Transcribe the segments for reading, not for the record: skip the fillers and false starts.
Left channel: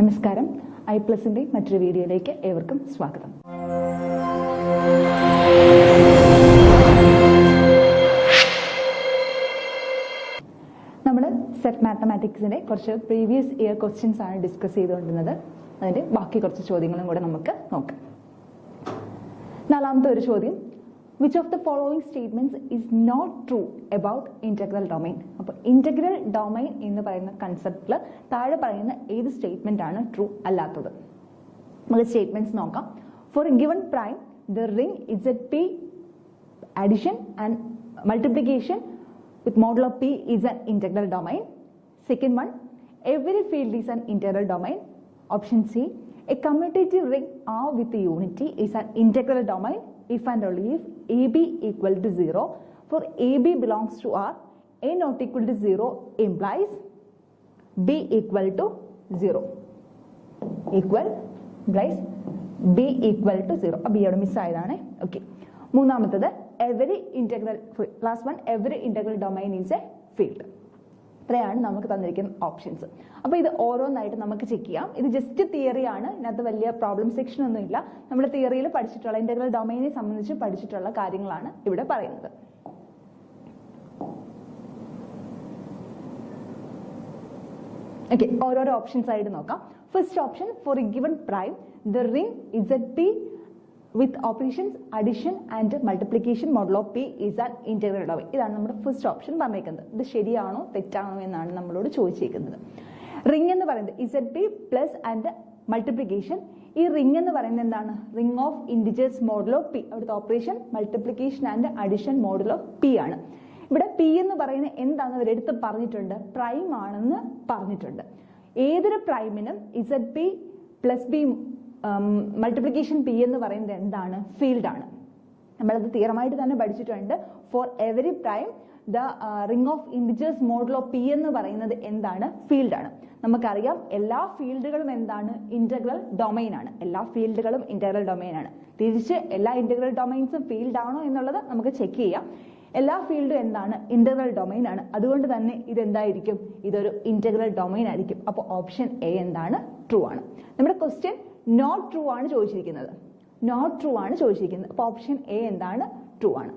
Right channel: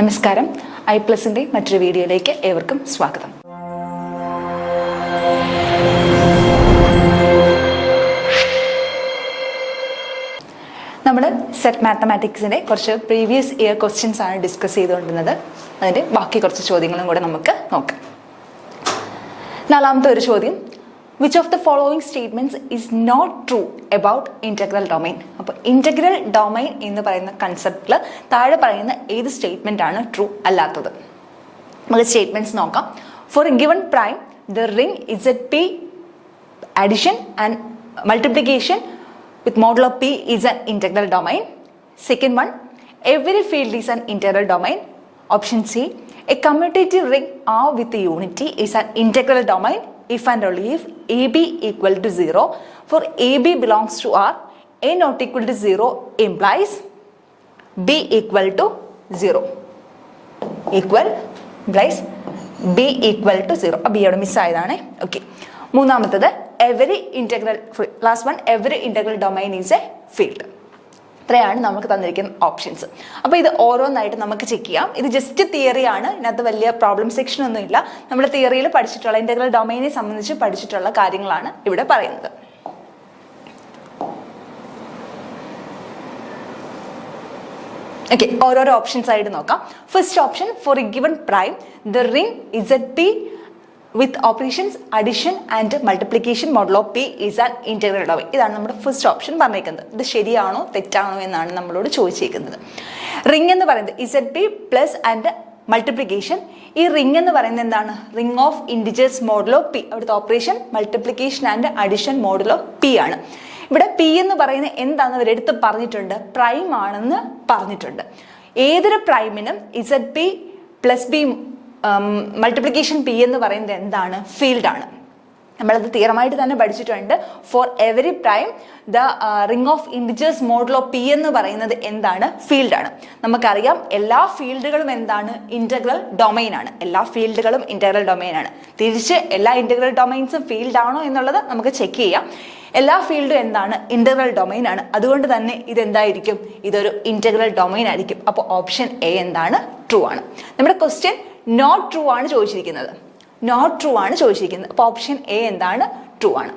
നമസ്കാരം. iPlusന്റെ മറ്റൊരു വീഡിയോയിലേക്ക് ഏവർക്കും സ്വാഗതം. നമ്മൾ സെറ്റ് മാത്തമാറ്റിക്സിൻ്റെ കുറച്ച് പ്രീവിയസ് ഇയർ ക്വസ്റ്റ്യൻസ് ആണ് ഡിസ്കസ് ചെയ്തുകൊണ്ടിരുന്നത്. അതിൻ്റെ ബാക്കി കുറച്ച് ചോദ്യങ്ങളും കൂടെ നമുക്ക് നോക്കാം. നാലാമത്തെ ഒരു ചോദ്യം, which of the following statements is not true about integral domain? അപ്പോൾ ഇന്റഗ്രൽ ഡൊമൈൻ എന്ന് പറയുന്ന കൺസെപ്റ്റിൽ താഴെ പറയുന്ന ഏത് സ്റ്റേറ്റ്മെന്റ് ആണ് ട്രൂ അല്ലാത്തത്? നമുക്ക് സ്റ്റേറ്റ്മെന്റ്സ് നോക്കാം. For a given prime the ring ZP addition and multiplication with modulo P is an integral domain. Second one, every field is an integral domain. Option C, a commutative ring R with unity is an integral domain if and only if AB equal to 0. For AB belongs to R, A not equal to 0 implies B equal to 0. Equal implies B equal to 0. B അവിടെ miss ആയതാണ്. Okay. മൂന്നാമത്തത് every integral, last one, every integral domain is a field. ഇത്രയാണ് നമുക്ക് തന്നിരിക്കുന്ന options. അപ്പോൾ ഇത് ഓരോന്നായിട്ട് നമുക്ക് ചെക്ക് ചെയ്യാം. ഇത് ജസ്റ്റ് തിയറിയാണ്, ഇതിനകത്ത് വലിയ പ്രോബ്ലം സെക്ഷൻ ഒന്നും ഇല്ല. നമ്മൾ തിയറിയിൽ പഠിച്ചിട്ടുള്ള ഇന്റഗ്രൽ ഡൊമൈനെ സംബന്ധിച്ച് പഠിച്ചിട്ടുള്ള കാര്യങ്ങളാണ് ഇവിടെ പറയുന്നത്. ഓക്കെ, ഓരോരോ ഓപ്ഷൻസ് ആയിട്ട് നോക്കാം. First option, for a given prime the ring ZP with operations addition and multiplication modulo P is an integral domain. ഇതാണ് നമ്മുടെ ഫസ്റ്റ് ഓപ്ഷൻ പറഞ്ഞേക്കുന്നത്. ഇത് ശരിയാണോ തെറ്റാണോ എന്നാണ് നമ്മളോട് ചോദിച്ചേക്കുന്നത്. റിംഗ് എന്ന് പറയുന്നത് ZP പ്ലസ് ആൻഡ് മൾട്ടിപ്ലിക്കേഷൻ. ഈ റിംഗ് എന്ന് പറയുന്നത് എന്താണ്? Ring of integers modulo P. അവിടുത്തെ operation multiplication and addition modulo P ആണ്. ഇവിടെ P എന്ന് പറയുന്നത് എന്താണെന്ന് അവരെടുത്ത് പറഞ്ഞിട്ടുണ്ട്, പ്രൈം ആണെന്ന് പറഞ്ഞിട്ടുണ്ട്. ഏതൊരു പ്രൈമിനും ZP plus B multiplication P എന്ന് പറയുന്നത് എന്താണ്? ഫീൽഡാണ്. നമ്മളത് തീരമായിട്ട് തന്നെ പഠിച്ചിട്ടുണ്ട്. For every prime the ring of integers modulo P എന്ന് പറയുന്നത് എന്താണ്? ഫീൽഡാണ്. നമുക്കറിയാം എല്ലാ ഫീൽഡുകളും എന്താണ്? ഇന്റഗ്രൽ ഡൊമൈൻ ആണ്. എല്ലാ ഫീൽഡുകളും ഇന്റഗ്രൽ ഡൊമൈൻ ആണ്. തിരിച്ച് എല്ലാ ഇന്റഗ്രൽ ഡൊമൈൻസും ഫീൽഡ് ആണോ എന്നുള്ളത് നമുക്ക് ചെക്ക് ചെയ്യാം. എല്ലാ ഫീൽഡും എന്താണ്? ഇന്റഗ്രൽ ഡൊമൈൻ ആണ്. അതുകൊണ്ട് തന്നെ ഇതെന്തായിരിക്കും? ഇതൊരു ഇന്റഗ്രൽ ഡൊമൈൻ ആയിരിക്കും. അപ്പോൾ ഓപ്ഷൻ എ എന്താണ്? ട്രൂ ആണ്. നമ്മുടെ ക്വസ്റ്റ്യൻ നോട്ട് ട്രൂ ആണ് ചോദിച്ചിരിക്കുന്നത്. നോട്ട് ട്രൂ ആണ് ചോദിച്ചിരിക്കുന്നത്. അപ്പോൾ ഓപ്ഷൻ എ എന്താണ്? ട്രൂ ആണ്.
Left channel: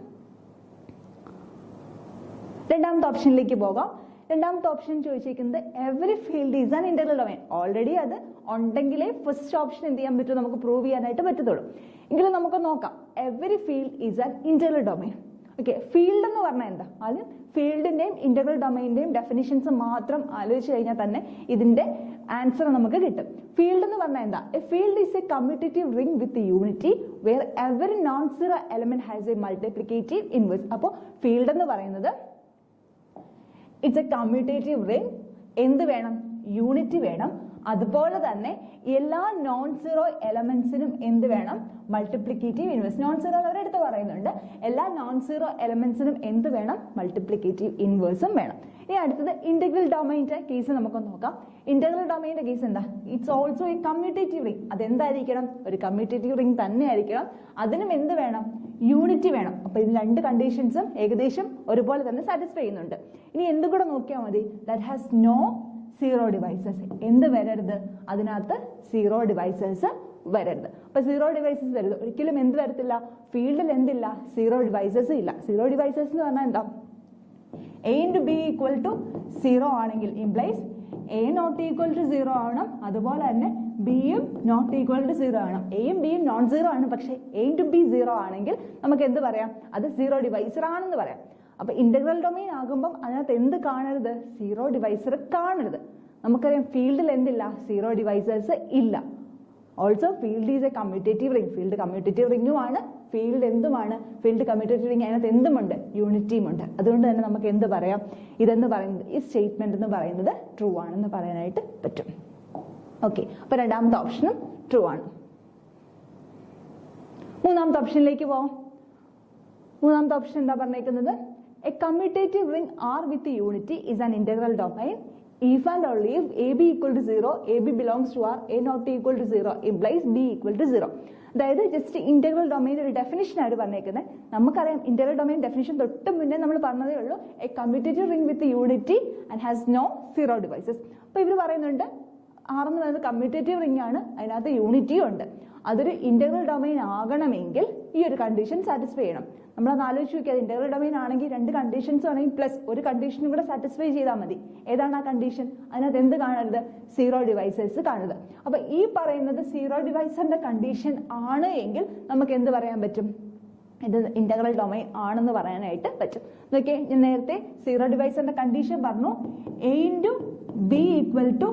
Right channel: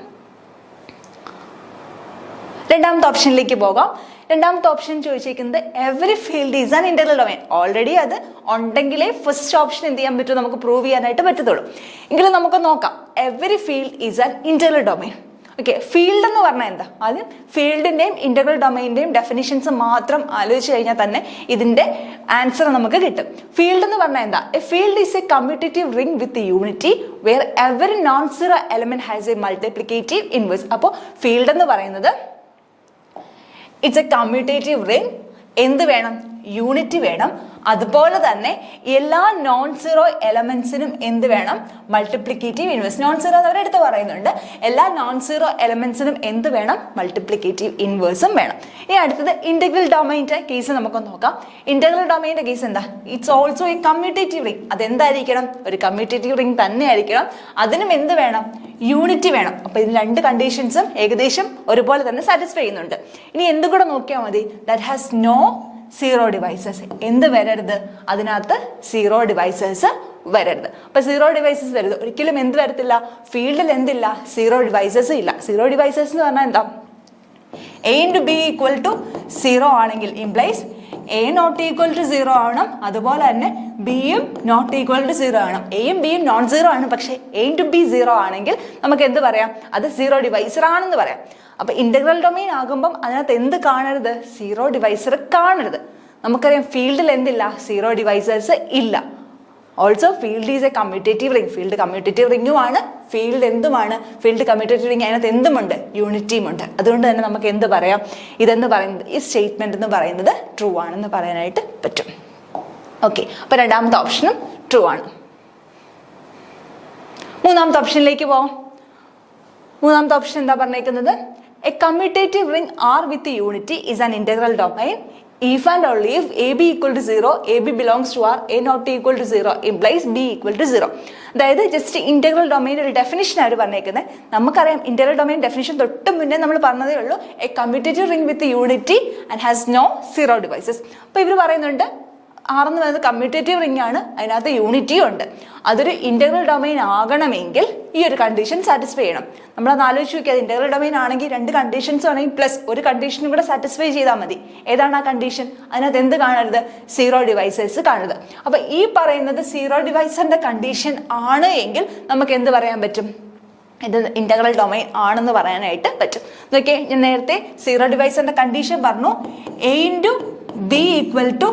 രണ്ടാമത്തെ ഓപ്ഷനിലേക്ക് പോകാം. രണ്ടാമത്തെ ഓപ്ഷൻ ചോദിച്ചിരിക്കുന്നത് every field is an integral domain. Already അത് ഉണ്ടെങ്കിലേ ഫസ്റ്റ് ഓപ്ഷൻ എന്ത് ചെയ്യാൻ പറ്റും? നമുക്ക് പ്രൂവ് ചെയ്യാനായിട്ട് പറ്റത്തുള്ളൂ. എങ്കിലും നമുക്ക് നോക്കാം. Every field is an integral domain. Okay, field എന്ന് പറഞ്ഞാൽ എന്താ? ആദ്യം ഫീൽഡിന്റെയും ഇന്റഗ്രൽ ഡൊമൈൻ്റെയും ഡെഫിനിഷൻസ് മാത്രം ആലോചിച്ച് കഴിഞ്ഞാൽ തന്നെ ഇതിന്റെ ആൻസർ നമുക്ക് കിട്ടും. ഫീൽഡ് എന്ന് പറഞ്ഞാൽ എന്താ? A field is a commutative ring with unity where every non zero element has a multiplicative inverse. അപ്പോൾ ഫീൽഡ് എന്ന് പറയുന്നത് ഇറ്റ്സ് എ കമ്മ്യൂട്ടേറ്റീവ് റിംഗ്. എന്ത് വേണം? യൂണിറ്റി വേണം. അതുപോലെ തന്നെ എല്ലാ നോൺ സീറോ എലമെന്റ്സിനും എന്ത് വേണം? Multiplicative inverse. നോൺ സീറോ എന്ന് അവരെടുത്ത് പറയുന്നുണ്ട്. എല്ലാ നോൺ സീറോ എലമെന്റ്സിനും എന്ത് വേണം? മൾട്ടിപ്ലിക്കേറ്റീവ് ഇൻവേഴ്സും വേണം. ഇനി അടുത്തത് ഇന്റഗ്രൽ ഡൊമൈൻ്റെ കേസ് നമുക്ക് നോക്കാം. ഇന്റഗ്രൽ ഡൊമൈൻ്റെ കേസ് എന്താ? It's also a commutative ring. അതെന്തായിരിക്കണം? ഒരു കമ്മ്യൂട്ടേറ്റീവ് റിംഗ് തന്നെ ആയിരിക്കണം. അതിനും എന്ത് വേണം? യൂണിറ്റി വേണം. അപ്പൊ ഇതിന് രണ്ട് കണ്ടീഷൻസും ഏകദേശം ഒരുപോലെ തന്നെ സാറ്റിസ്ഫൈ ചെയ്യുന്നുണ്ട്. ഇനി എന്തും കൂടെ നോക്കിയാൽ മതി. That has no zero divisors. എന്ത് വരരുത്? അതിനകത്ത് സീറോ ഡിവൈസസ് വരരുത്. അപ്പൊ സീറോ ഡിവൈസസ് വരരുത്. ഒരിക്കലും എന്ത് വരത്തില്ല? ഫീൽഡിൽ എന്തില്ല? സീറോ ഡിവൈസസ് ഇല്ല. സീറോ ഡിവൈസസ് എന്ന് പറഞ്ഞാൽ എന്താ? A into B equal to 0 ആണെങ്കിൽ implies A not equal to 0 ആവണം. അതുപോലെ തന്നെ ബിയും നോട്ട് ഈക്വൽ ടു 0 ആണ്. എയും ബിയും നോൺ സീറോ ആണ്. പക്ഷേ A into B 0 ആണെങ്കിൽ നമുക്ക് എന്ത് പറയാം? അത് സീറോ ഡിവൈസർ ആണെന്ന് പറയാം. അപ്പൊ ഇന്റഗ്രൽ ഡൊമൈൻ ആകുമ്പം അതിനകത്ത് എന്ത് കാണരുത്? സീറോ ഡിവൈസർ കാണരുത്. നമുക്കറിയാം ഫീൽഡിൽ എന്തില്ല? സീറോ ഡിവൈസേഴ്സ് ഇല്ല. Also field is a commutative ring. Field commutative റിംഗും ആണ്. ഫീൽഡ് എന്തുമാണ്? Field commutative ring. അതിനകത്ത് എന്തുമുണ്ട്? യൂണിറ്റിയും ഉണ്ട്. അതുകൊണ്ട് തന്നെ നമുക്ക് എന്ത് പറയാം? ഇതെന്ന് പറയുന്നത്, ഈ സ്റ്റേറ്റ്മെന്റ് എന്ന് പറയുന്നത് ട്രൂ ആണെന്ന് പറയാനായിട്ട് പറ്റും. ഓക്കെ, അപ്പൊ രണ്ടാമത്തെ ഓപ്ഷനും ട്രൂ ആണ്. മൂന്നാമത്തെ ഓപ്ഷനിലേക്ക് പോവാം. മൂന്നാമത്തെ ഓപ്ഷൻ എന്താ പറഞ്ഞേക്കുന്നത്? A commutative ring R with unity is an integral domain if and only if AB equal to 0, AB belongs to R, A not equal to 0 implies B equal to 0. അതായത് just integral domain ഒരു definition ആണ് പറഞ്ഞേക്കുന്നത്. നമുക്കറിയാം integral domain definition തൊട്ട് മുന്നേ നമ്മൾ പറഞ്ഞതേ ഉള്ളൂ. A commutative ring with unity and has no zero divisors. അപ്പോൾ ഇവർ പറയുന്നുണ്ട് R എന്ന് പറയുന്നത് കമ്മ്യൂട്ടേറ്റീവ് റിംഗ് ആണ്, അതിനകത്ത് യൂണിറ്റിയും ഉണ്ട്. അതൊരു ഇന്റഗ്രൽ ഡൊമൈൻ ആകണമെങ്കിൽ ഈ ഒരു കണ്ടീഷൻ സാറ്റിസ്ഫൈ ചെയ്യണം. നമ്മളത് ആലോചിച്ച് നോക്കിയാൽ ഇന്റഗ്രൽ ഡൊമൈൻ ആണെങ്കിൽ 2 കണ്ടീഷൻസ് ആണെങ്കിൽ പ്ലസ് ഒരു കണ്ടീഷനും കൂടെ സാറ്റിസ്ഫൈ ചെയ്താൽ മതി. ഏതാണ് ആ കണ്ടീഷൻ? അതിനകത്ത് എന്ത് കാണരുത്? 0 ഡിവൈസേഴ്സ് കാണരുത്. അപ്പൊ ഈ പറയുന്നത് 0 ഡിവൈസറിന്റെ കണ്ടീഷൻ ആണ് എങ്കിൽ നമുക്ക് എന്ത് പറയാൻ പറ്റും? ഇത് ഇന്റഗ്രൽ ഡൊമൈൻ ആണെന്ന് പറയാനായിട്ട് പറ്റും. നോക്കിയേ, ഞാൻ നേരത്തെ 0 ഡിവൈസറിന്റെ കണ്ടീഷൻ പറഞ്ഞു. A × B =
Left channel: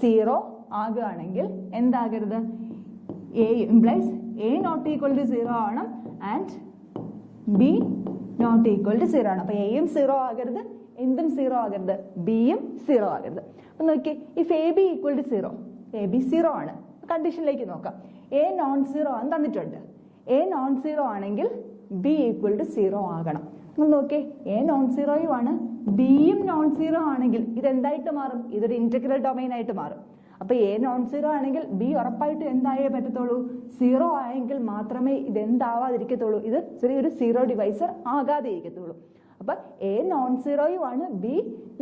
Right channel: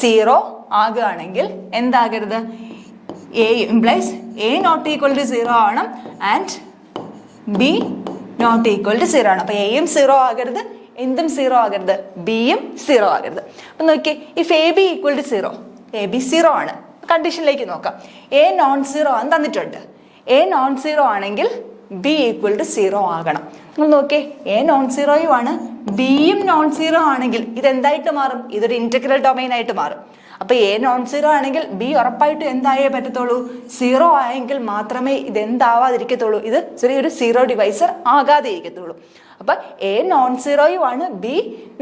0 ആകുകയാണെങ്കിൽ എന്താകരുത്? A implies A not equal to 0 ആണ് and B not equal to 0 ആണ്. അപ്പൊ എയും 0 ആകരുത്, എന്തും 0 ആകരുത്, ബിയും 0 ആകരുത്. അപ്പൊ നോക്കിയേ, ഇഫ് AB = 0, AB 0 ആണ്. കണ്ടീഷനിലേക്ക് നോക്കാം. A നോൺ 0 ആണെന്ന് തന്നിട്ടുണ്ട്. A നോൺ 0 ആണെങ്കിൽ B = 0 ആകണം. നിങ്ങൾ നോക്കിയേ, A നോൺ 0 ആണ്, ബിയും നോൺ 0 ആണെങ്കിൽ ഇതെന്തായിട്ട് മാറും? ഇതൊരു ഇന്റഗ്രൽ ഡൊമൈൻ ആയിട്ട് മാറും. അപ്പൊ A നോൺ 0 ആണെങ്കിൽ B ഉറപ്പായിട്ടും എന്തായേ പറ്റത്തുള്ളൂ? 0 ആയെങ്കിൽ മാത്രമേ ഇത് എന്താവാതിരിക്കത്തുള്ളൂ, ഇത് ചെറിയൊരു 0 ഡിവൈസർ ആകാതെ ഇരിക്കത്തുള്ളൂ. അപ്പൊ A നോൺ 0 ആണ്, B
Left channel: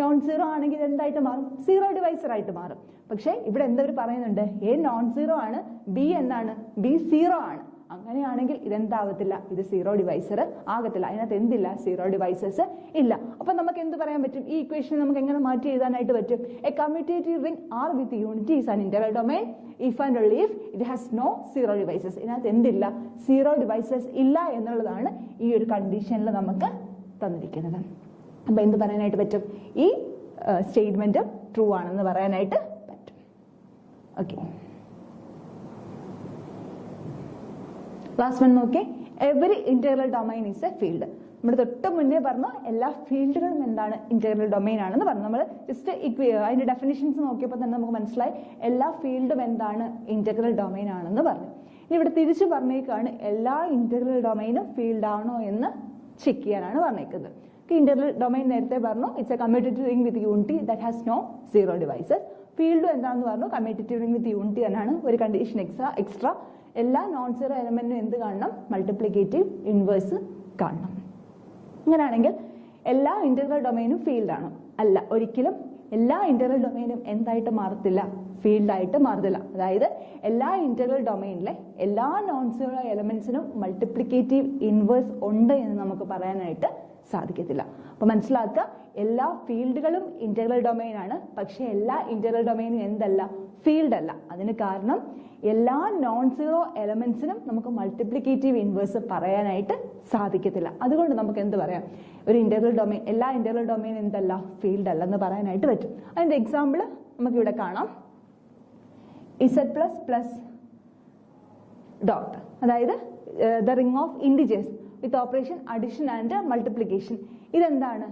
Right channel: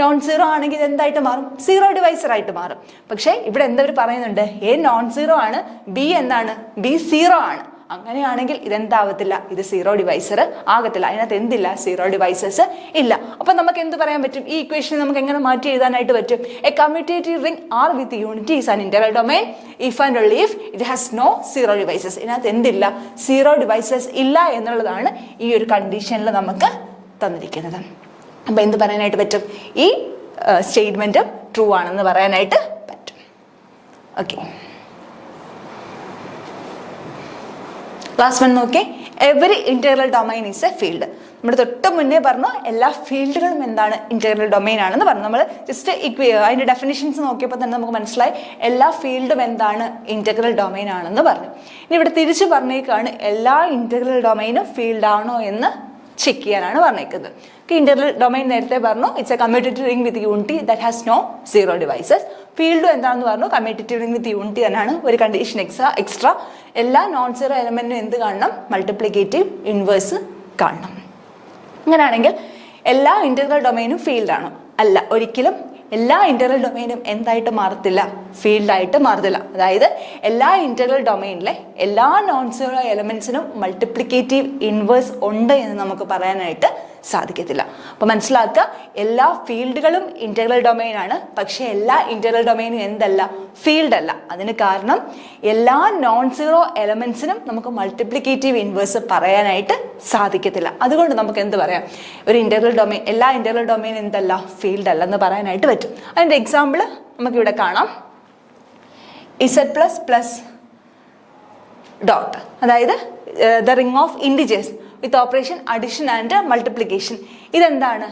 നോൺ 0 ആണെങ്കിൽ ഇത് എന്തായിട്ട് മാറും? 0 ഡിവൈസർ ആയിട്ട് മാറും. പക്ഷെ ഇവിടെ എന്താ പറയുന്നുണ്ട്? A നോൺ 0 ആണ്, B എന്താണ്? B 0 ആണ്. അങ്ങനെയാണെങ്കിൽ ഇതെന്താവത്തില്ല? ഇത് 0 ഡിവൈസർ ആകത്തില്ല. അതിനകത്ത് എന്തില്ല? 0 ഡിവൈസേഴ്സ് ഇല്ല. അപ്പൊ നമുക്ക് എന്ത് പറയാൻ പറ്റും? ഈ ഇക്വേഷൻ നമുക്ക് എങ്ങനെ മാറ്റി എഴുതാനായിട്ട് പറ്റും? A commutative ring R with unity is an integral domain if and only if it has no 0 devices. ഇതിനകത്ത് എന്തില്ല? 0 ഡിവൈസേഴ്സ് ഇല്ല എന്നുള്ളതാണ് ഈ ഒരു കണ്ടീഷനിൽ നമുക്ക് തന്നിരിക്കുന്നത്. അപ്പൊ എന്ത് പറയാനായിട്ട് പറ്റും? ഈ സ്റ്റേറ്റ്മെന്റ് ട്രൂ ആണെന്ന് പറയാനായിട്ട് പറ്റും. ഓക്കെ, ലാസ്റ്റ് വൺ നോക്കി. Every integral domain is A field. നമ്മുടെ തൊട്ട് മുന്നേ പറഞ്ഞു എല്ലാ ഫീൽഡുകളും എന്താണ്? ഇന്റഗ്രൽ ഡൊമൈൻ ആണെന്ന് പറഞ്ഞു. നമ്മൾ ജസ്റ്റ് അതിന്റെ ഡെഫിനിഷൻസ് നോക്കിയപ്പോൾ തന്നെ നമുക്ക് മനസ്സിലായി എല്ലാ ഫീൽഡും എന്താണ്? ഇന്റഗ്രൽ ഡൊമൈൻ ആണെന്ന് പറഞ്ഞു. ഇനി ഇവിടെ തിരിച്ചു പറഞ്ഞേക്കാണ് എല്ലാ ഇന്റഗ്രൽ ഡൊമൈനും ഫീൽഡ് ആണോ എന്ന് ചെക്ക് ചെയ്യാനാണ് പറഞ്ഞേക്കുന്നത്. ഇന്റഗ്രൽ ഡൊമൈൻ നേരത്തെ പറഞ്ഞു it's a commutative ring with unity that has no 0 divisors. ഫീൽഡും എന്താണെന്ന് പറഞ്ഞു? കമ്മ്യൂട്ടേറ്റീവ് റിംഗ് വിത്ത് യൂണിറ്റി തന്നെയാണ്. ഒരു കണ്ടീഷൻ എക്സ്ട്രാ, എല്ലാ നോൺ 0 എലമെന്റിനും എന്ത് കാണണം? മൾട്ടിപ്ലിക്കേറ്റീവ് ഇൻവേഴ്സ് കാണണം. അങ്ങനെയാണെങ്കിൽ എല്ലാ ഇന്റഗ്രൽ ഡൊമൈനും ഫീൽഡ് ആണോ? അല്ല, ഒരിക്കലും എല്ലാ ഇന്റഗ്രൽ ഡൊമൈനും എന്തായിട്ട് മാറത്തില്ല? ഫീൽഡായിട്ട് മാറത്തില്ല. അതായത് എല്ലാ ഇന്റഗ്രൽ ഡൊമൈനിലെ എല്ലാ നോൺ 0 എലമെന്റ്സിനും മൾട്ടിപ്ലിക്കേറ്റീവ് ഇൻവേഴ്സ് ഉണ്ട് എന്ന് നമുക്ക് പറയാനായിട്ട് സാധിക്കത്തില്ല. അപ്പൊ മനസ്സിലാക്കുക, എല്ലാ ഫീൽഡുകളും ഇന്റഗ്രൽ ഡൊമൈൻ ആണ്, പക്ഷെ എല്ലാ ഇന്റഗ്രൽ ഡൊമൈനും എന്തല്ല? ഫീൽഡ് അല്ല. അതിന് കാരണം എല്ലാ നോൺ 0 എലമെന്റ്സിനും നമുക്ക് മൾട്ടിപ്ലിക്കേറ്റീവ് ഇൻവേഴ്സ് പറയാനായിട്ട് സാധിക്കത്തില്ല. അതുകൊണ്ട് നമുക്ക് എന്ത് പറയാം? ഒരു ഇന്റഗ്രൽ ഡൊമൈൻ, എല്ലാ ഇന്റഗ്രൽ ഡൊമൈൻ എന്തല്ല? ഫീൽഡ് അല്ലെന്ന് പറയാനായിട്ട് പറ്റും. അതിന്റെ എക്സാമ്പിൾ നമുക്കിവിടെ കാണാം. Z++ ഡോട്ട്, അതായത് the ring of integers with operation addition and multiplication. ഇതെന്താണ്?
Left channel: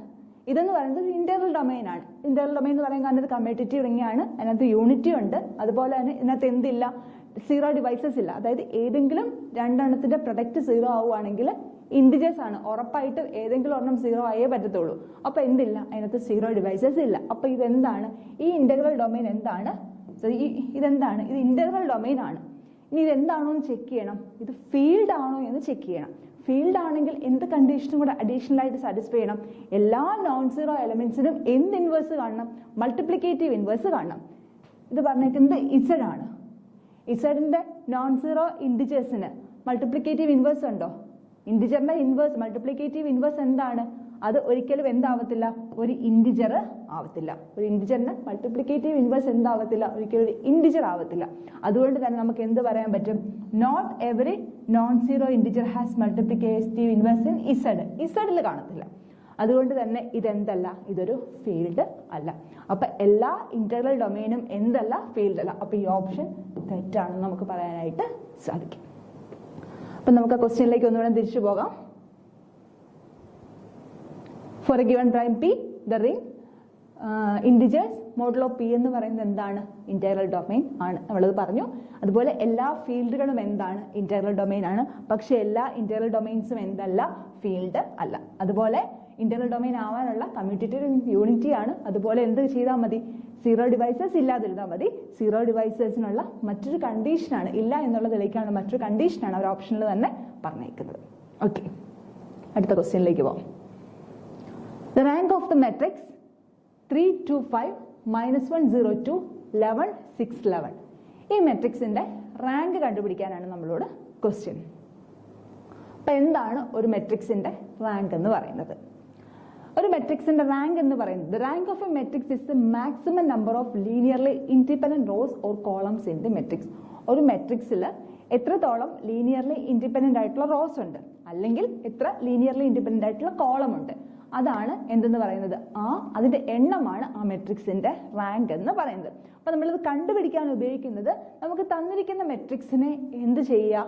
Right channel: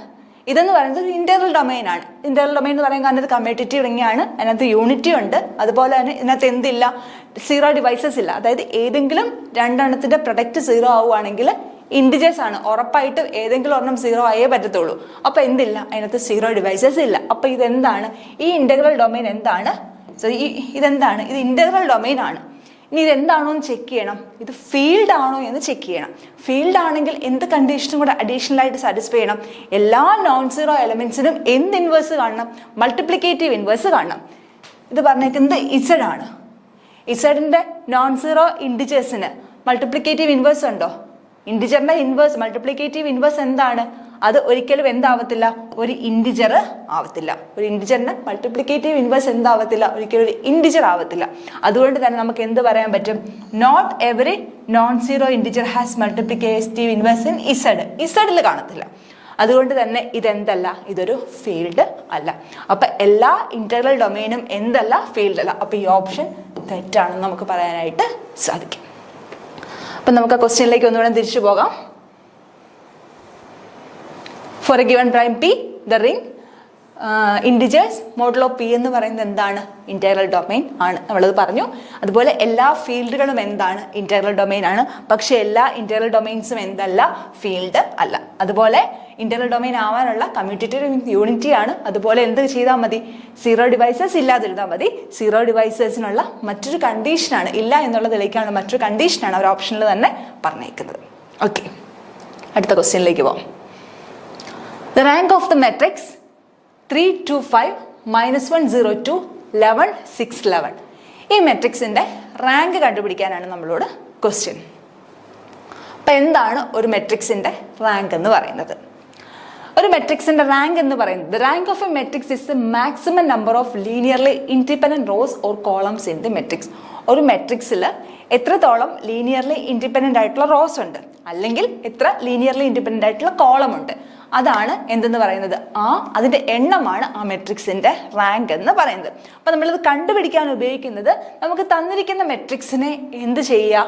ഇതെന്ന് പറയുന്നത് ഒരു ഇന്റഗ്രൽ ഡൊമൈൻ ആണ്. ഇന്റഗ്രൽ ഡൊമൈൻ എന്ന് പറയുന്നത് അതിനകത്ത് കമ്മ്യൂട്ടേറ്റീവ് റിംഗ് ആണ്, അതിനകത്ത് യൂണിറ്റി ഉണ്ട്, അതുപോലെ തന്നെ ഇതിനകത്ത് എന്തില്ല? 0 ഡിവൈസസ് ഇല്ല. അതായത് ഏതെങ്കിലും രണ്ടെണ്ണത്തിന്റെ പ്രൊഡക്റ്റ് 0 ആവുകയാണെങ്കിൽ ഇൻഡിജേഴ്സ് ആണ്, ഉറപ്പായിട്ടും ഏതെങ്കിലും ഒരെണ്ണം 0 ആയേ പറ്റത്തുള്ളൂ. അപ്പൊ എന്തില്ല? അതിനകത്ത് 0 ഡിവൈസസ് ഇല്ല. അപ്പൊ ഇതെന്താണ്? ഈ ഇന്റഗ്രൽ ഡൊമൈൻ എന്താണ്? ഇതെന്താണ്? ഇത് ഇന്റഗ്രൽ ഡൊമൈൻ ആണ്. ഇനി ഇതെന്താണോ എന്ന് ചെക്ക് ചെയ്യണം. ഇത് ഫീൽഡ് ആണോ എന്ന് ചെക്ക് ചെയ്യണം. ഫീൽഡ് ആണെങ്കിൽ എന്ത് കണ്ടീഷനും കൂടെ അഡീഷണൽ ആയിട്ട് സാറ്റിസ്ഫൈ ചെയ്യണം? എല്ലാ നോൺ 0 എലമെന്റ്സിനും എന്ത് ഇൻവേഴ്സ് കാണണം? മൾട്ടിപ്ലിക്കേറ്റീവ് ഇൻവേഴ്സ് കാണണം. ഇത് പറഞ്ഞേക്കുന്നത് ഇസഡ് ആണ്. ഇസഡിന്റെ നോൺ 0 ഇൻഡിജേഴ്സിന് മൾട്ടിപ്ലിക്കേറ്റീവ് ഇൻവേഴ്സ് ഉണ്ടോ? ഇൻഡിജറിന്റെ ഇൻവേഴ്സ്, മൾട്ടിപ്ലിക്കേറ്റീവ് ഇൻവേഴ്സ് എന്താണ്? അത് ഒരിക്കലും എന്താവത്തില്ല? ഒരു ഇൻഡിജർ ആവത്തില്ല. ഒരു ഇൻഡിജറിന്റെ മൾട്ടിപ്ലിക്കേറ്റീവ് ഇൻവേഴ്സ് എന്താവത്തില്ല? ഒരിക്കലും ഒരു ഇൻഡിജർ ആവത്തില്ല. അതുകൊണ്ട് തന്നെ നമുക്ക് എന്ത് പറയാൻ പറ്റും? Not every non 0 integer has multiplicative inverse in Z. ഇസഡിൽ കാണത്തില്ല. അതുകൊണ്ട് തന്നെ ഇതെന്തല്ല? ഇതൊരു ഫീൽഡ് അല്ല. അപ്പൊ എല്ലാ ഇന്റഗ്രൽ ഡൊമൈനും എന്തല്ല? ഫീൽഡ് അല്ല. അപ്പൊ ഈ ഓപ്ഷൻ തെറ്റാണെന്ന് നമുക്ക് പറയാനായിട്ട് സാധിക്കും. അപ്പൊ നമുക്ക് ആ ക്വസ്റ്റ്യനിലേക്ക് ഒന്നുകൂടെ തിരിച്ചു പോകാം. For a given prime P, the ring integers modulo P എന്ന് പറയുന്നത് എന്താണ്? ഇന്റഗ്രൽ ഡൊമൈൻ ആണ്. നമ്മളത് പറഞ്ഞു. അതുപോലെ എല്ലാ ഫീൽഡുകളും എന്താണ്? ഇന്റഗ്രൽ ഡൊമൈൻ ആണ്. പക്ഷെ എല്ലാ ഇന്റഗ്രൽ ഡൊമൈൻസും എന്തല്ല? ഫീൽഡ് അല്ല. അതുപോലെ ഇന്റഗ്രൽ ഡൊമൈൻ ആവാനുള്ള കമ്മ്യൂട്ടേറ്റീവ് യൂണിറ്റി ആണ്. അതുപോലെ എന്ത് ചെയ്താൽ മതി? 0 ഡിവൈസസ് ഇല്ലാതിരുന്നാൽ മതി. 0 ഡിവൈസസിനുള്ള മറ്റൊരു കണ്ടീഷനാണ്, ഇല്ല എന്നുള്ളതിലേക്കാണ് മറ്റൊരു കണ്ടീഷനാണ് അവർ ഓപ്ഷനിൽ തന്നെ പറഞ്ഞേക്കുന്നത്. ഓക്കെ, അടുത്ത ക്വസ്റ്റ്യനിലേക്ക് പോകാം. The rank of the matrix 3 2 5 -1 0 2 11, 6, 11. ഈ മെട്രിക്സിൻ്റെ റാങ്ക് കണ്ടുപിടിക്കാനാണ് നമ്മളോട് ക്വസ്റ്റ്യൻ. അപ്പം എന്താണ് ഒരു മെട്രിക്സിൻ്റെ റാങ്ക് എന്ന് പറയുന്നത്? ഒരു മെട്രിക്സിന്റെ റാങ്ക് എന്ന് പറയുന്നത് rank of A matrix is the maximum number of linearly independent rose or columns in the matrix. ഒരു മെട്രിക്സിൽ എത്രത്തോളം ലീനിയർലി ഇൻഡിപെൻഡന്റ് ആയിട്ടുള്ള റോസ് ഉണ്ട്, അല്ലെങ്കിൽ എത്ര ലീനിയർലി ഇൻഡിപെൻഡന്റ് ആയിട്ടുള്ള കോളം ഉണ്ട്, അതാണ് എന്തെന്ന് പറയുന്നത്, അതിന്റെ എണ്ണമാണ് ആ മെട്രിക്സിന്റെ റാങ്ക് എന്ന് പറയുന്നത്. അപ്പൊ നമ്മളിത് കണ്ടുപിടിക്കാൻ ഉപയോഗിക്കുന്നത്, നമുക്ക് തന്നിരിക്കുന്ന മെട്രിക്സിനെ എന്ത് ചെയ്യുക,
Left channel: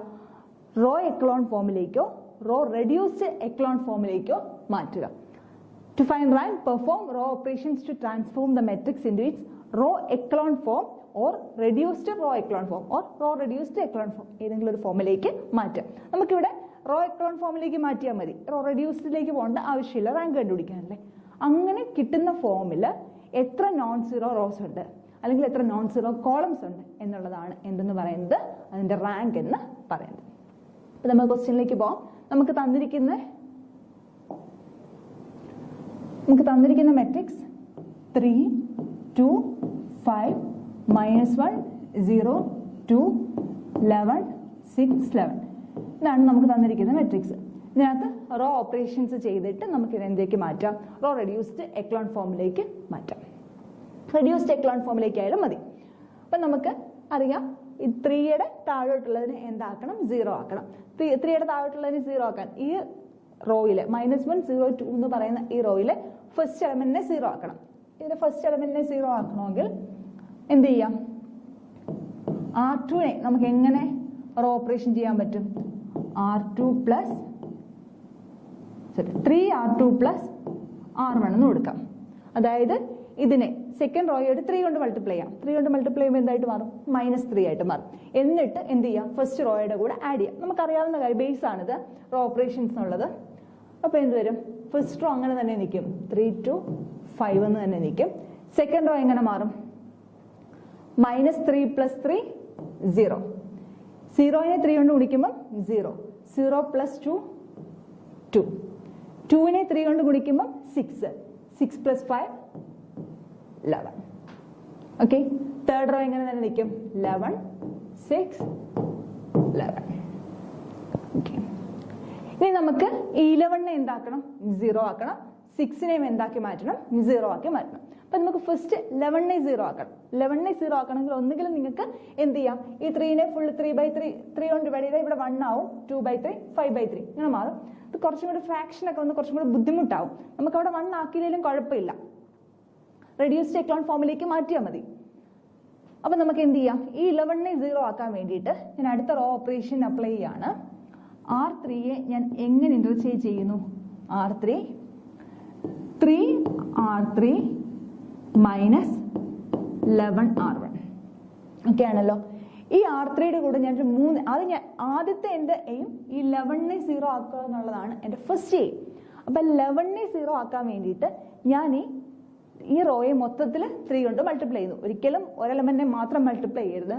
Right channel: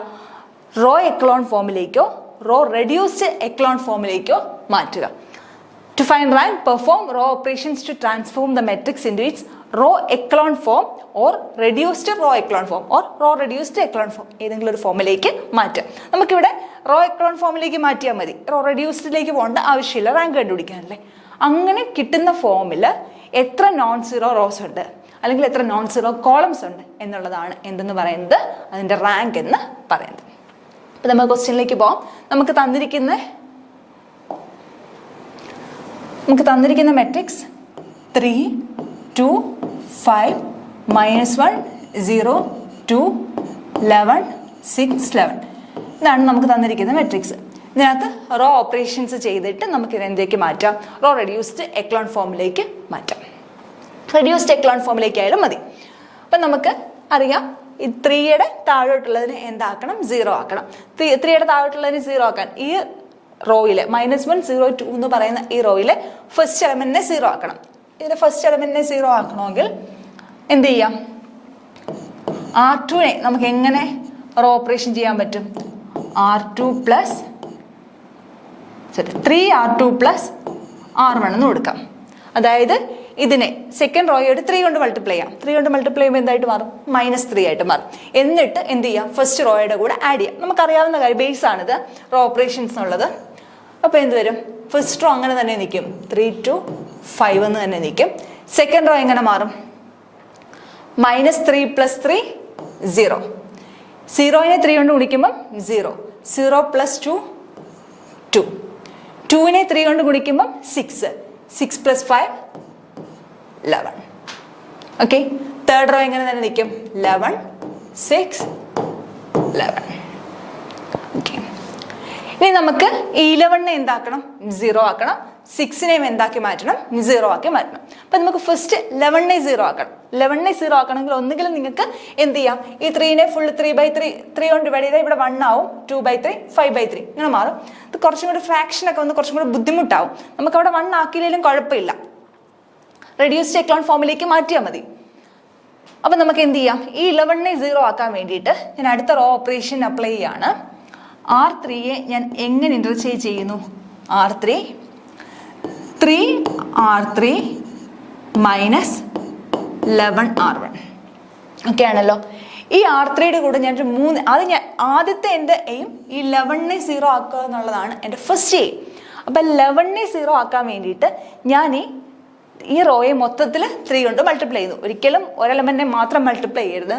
റോ എക്ലോൺ ഫോമിലേക്കോ റോ റെഡ്യൂസ്ഡ് എക്ലോൺ ഫോമിലേക്കോ മാറ്റുക. To find rank, perform row operations to transform the matrix into its row echelon form or reduced row echelon form or row reduced echelon form. ഏതെങ്കിലും ഒരു ഫോമിലേക്ക് മാറ്റാം. നമുക്കിവിടെ റോ എക്ലോൺ ഫോമിലേക്ക് മാറ്റിയാൽ മതി, റോ റെഡ്യൂസ്ഡിലേക്ക് പോകേണ്ട ആവശ്യമില്ല റാങ്ക് കണ്ടുപിടിക്കാനല്ലേ. അങ്ങനെ കിട്ടുന്ന ഫോമിൽ എത്ര നോൺ സീറോ റോസ് ഉണ്ട് അല്ലെങ്കിൽ എത്ര നോൺ സീറോ കോളംസ് ഉണ്ട് എന്നുള്ളതാണ് എന്തെന്ന് പറയുന്നത്, അതിൻ്റെ റാങ്ക് എന്ന് പറയുന്നത്. അപ്പോൾ നമ്മൾ ക്വസ്റ്റ്യനിലേക്ക് പോകാം. നമുക്ക് തന്നിരിക്കുന്ന മെട്രിക്സ് 3, 2, 5, -1, 0, 2, 11, 6, 11. ഇതാണ് നമുക്ക് തന്നിരിക്കുന്ന മെട്രിക്സ്. ഇതിനകത്ത് റോ ഓപ്പറേഷൻസ് ചെയ്തിട്ട് നമുക്ക് ഇതിലേക്ക് മാറ്റാം, റോ റെഡ്യൂസ്ഡ് എക്ലോൺ ഫോമിലേക്ക് മാറ്റാം. റെഡ്യൂസ്ഡ് എക്ലോൺ ഫോമിലേക്ക് ആയാലും മതി. അപ്പം നമുക്ക് അറിയാം, ഈ 3യുടെ താഴോട്ടുള്ളതിന് എന്താക്കണം, 0 ആക്കണം. 3യുടെ താഴോട്ടുള്ളതിന് 0 ആക്കാൻ ഈ റോയിലെ -1, 0, 2 എന്ന് പറയുന്ന ഈ റോയിലെ ഫസ്റ്റ് എലമെന്റിനെ 0 ആക്കണം. ഇതിന്റെ ഫസ്റ്റ് എലമെന്റിനെ 0 ആക്കണമെങ്കിൽ എന്ത് ചെയ്യാം, R2നെ നമുക്ക് എങ്ങനെ റോ ഓപ്പറേഷൻ ചെയ്യാൻ പറ്റും, 3R2 പ്ലസ് R1 എന്ന് കൊടുക്കാം. അതായത് ഇതിനെ സെക്കൻഡ് റോയോട് 3 കൊണ്ട് മൾട്ടിപ്ലൈ ചെയ്യാം. 3 കൊണ്ട് മൾട്ടിപ്ലൈ ചെയ്യുമ്പോൾ എന്തായിട്ട് മാറും, -3 ആയിട്ട് മാറും. എന്നിട്ട് എന്ത് ചെയ്യാം, ഫസ്റ്റ് റോയുടെ കൂടെ ആഡ് ചെയ്യാം. നമുക്കറിയാവുന്ന കാര്യം, ബേസ് ആണിത് റോ ഓപ്പറേഷൻസ് എന്നുള്ളത്. അപ്പോൾ എന്ത് വരും, ഫസ്റ്റ് റോ അങ്ങനെ തന്നെ നിൽക്കും, 3 to 5 എന്ന് തന്നെ നിൽക്കും. സെക്കൻഡ് റോ എങ്ങനെ മാറും, -3 + 3 0. 0നെ 3 കൊണ്ട് ഗുണിക്കുമ്പം 0, 0 + 2 2. 2നെ 3 കൊണ്ട് ഗുണിക്കുമ്പം 6, 6 + 5 11. ഓക്കെ, തേർഡ് റോ എങ്ങനെ തന്നെ നിൽക്കും, 11, 6, 11. ഓക്കെ, ഇനി നമുക്ക് ഈ 11നെ എന്താക്കണം, 0 ആക്കണം. 6നെയും എന്താക്കി മാറ്റണം, 0 ആക്കി മാറ്റണം. അപ്പം നമുക്ക് ഫസ്റ്റ് 11നെ 0 ആക്കണം. 11നെ 0 ആക്കണമെങ്കിൽ ഒന്നുകിലും നിങ്ങൾക്ക് എന്ത് ചെയ്യാം, ഈ 3നെ ഫുൾ 3/3 കൊണ്ട് ഡിവൈഡ് ചെയ്താൽ ഇവിടെ 1 ആവും, 2/3, 5/3 ഇങ്ങനെ മാറും. ഇത് കുറച്ചും കൂടി ഫ്രാക്ഷനൊക്കെ വന്ന് കുറച്ചും കൂടി ബുദ്ധിമുട്ടാവും. നമുക്കവിടെ 1 ആക്കിയില്ലെങ്കിലും കുഴപ്പമില്ല, റെഡ്യൂസ്ഡ് എക്ലോൺ ഫോമിലേക്ക് മാറ്റിയാൽ മതി. അപ്പം നമുക്ക് എന്ത് ചെയ്യാം, ഈ 11നെ 0 ആക്കാൻ വേണ്ടിയിട്ട് ഞാൻ അടുത്ത റോ ഓപ്പറേഷൻ അപ്ലൈ ചെയ്യാണ്. R3യെ ഞാൻ എങ്ങനെ ഇൻ്റർചേഞ്ച് ചെയ്യുന്നു, R3 3R3 - 11R1. ഓക്കെ ആണല്ലോ. ഈ R3യുടെ കൂടെ ഞാനൊരു 3, ആദ്യത്തെ എൻ്റെ എയിം ഈ 11നെ 0 ആക്കുക എന്നുള്ളതാണ് എൻ്റെ ഫസ്റ്റ് എയിം. അപ്പം 11നെ 0 ആക്കാൻ വേണ്ടിയിട്ട് ഞാൻ ഈ റോയെ മൊത്തത്തിൽ 3 കൊണ്ട് മൾട്ടിപ്ലൈ ചെയ്യുന്നു. ഒരിക്കലും ഒരെലമെന്റിനെ മാത്രം മൾട്ടിപ്ലൈ ചെയ്യരുത്.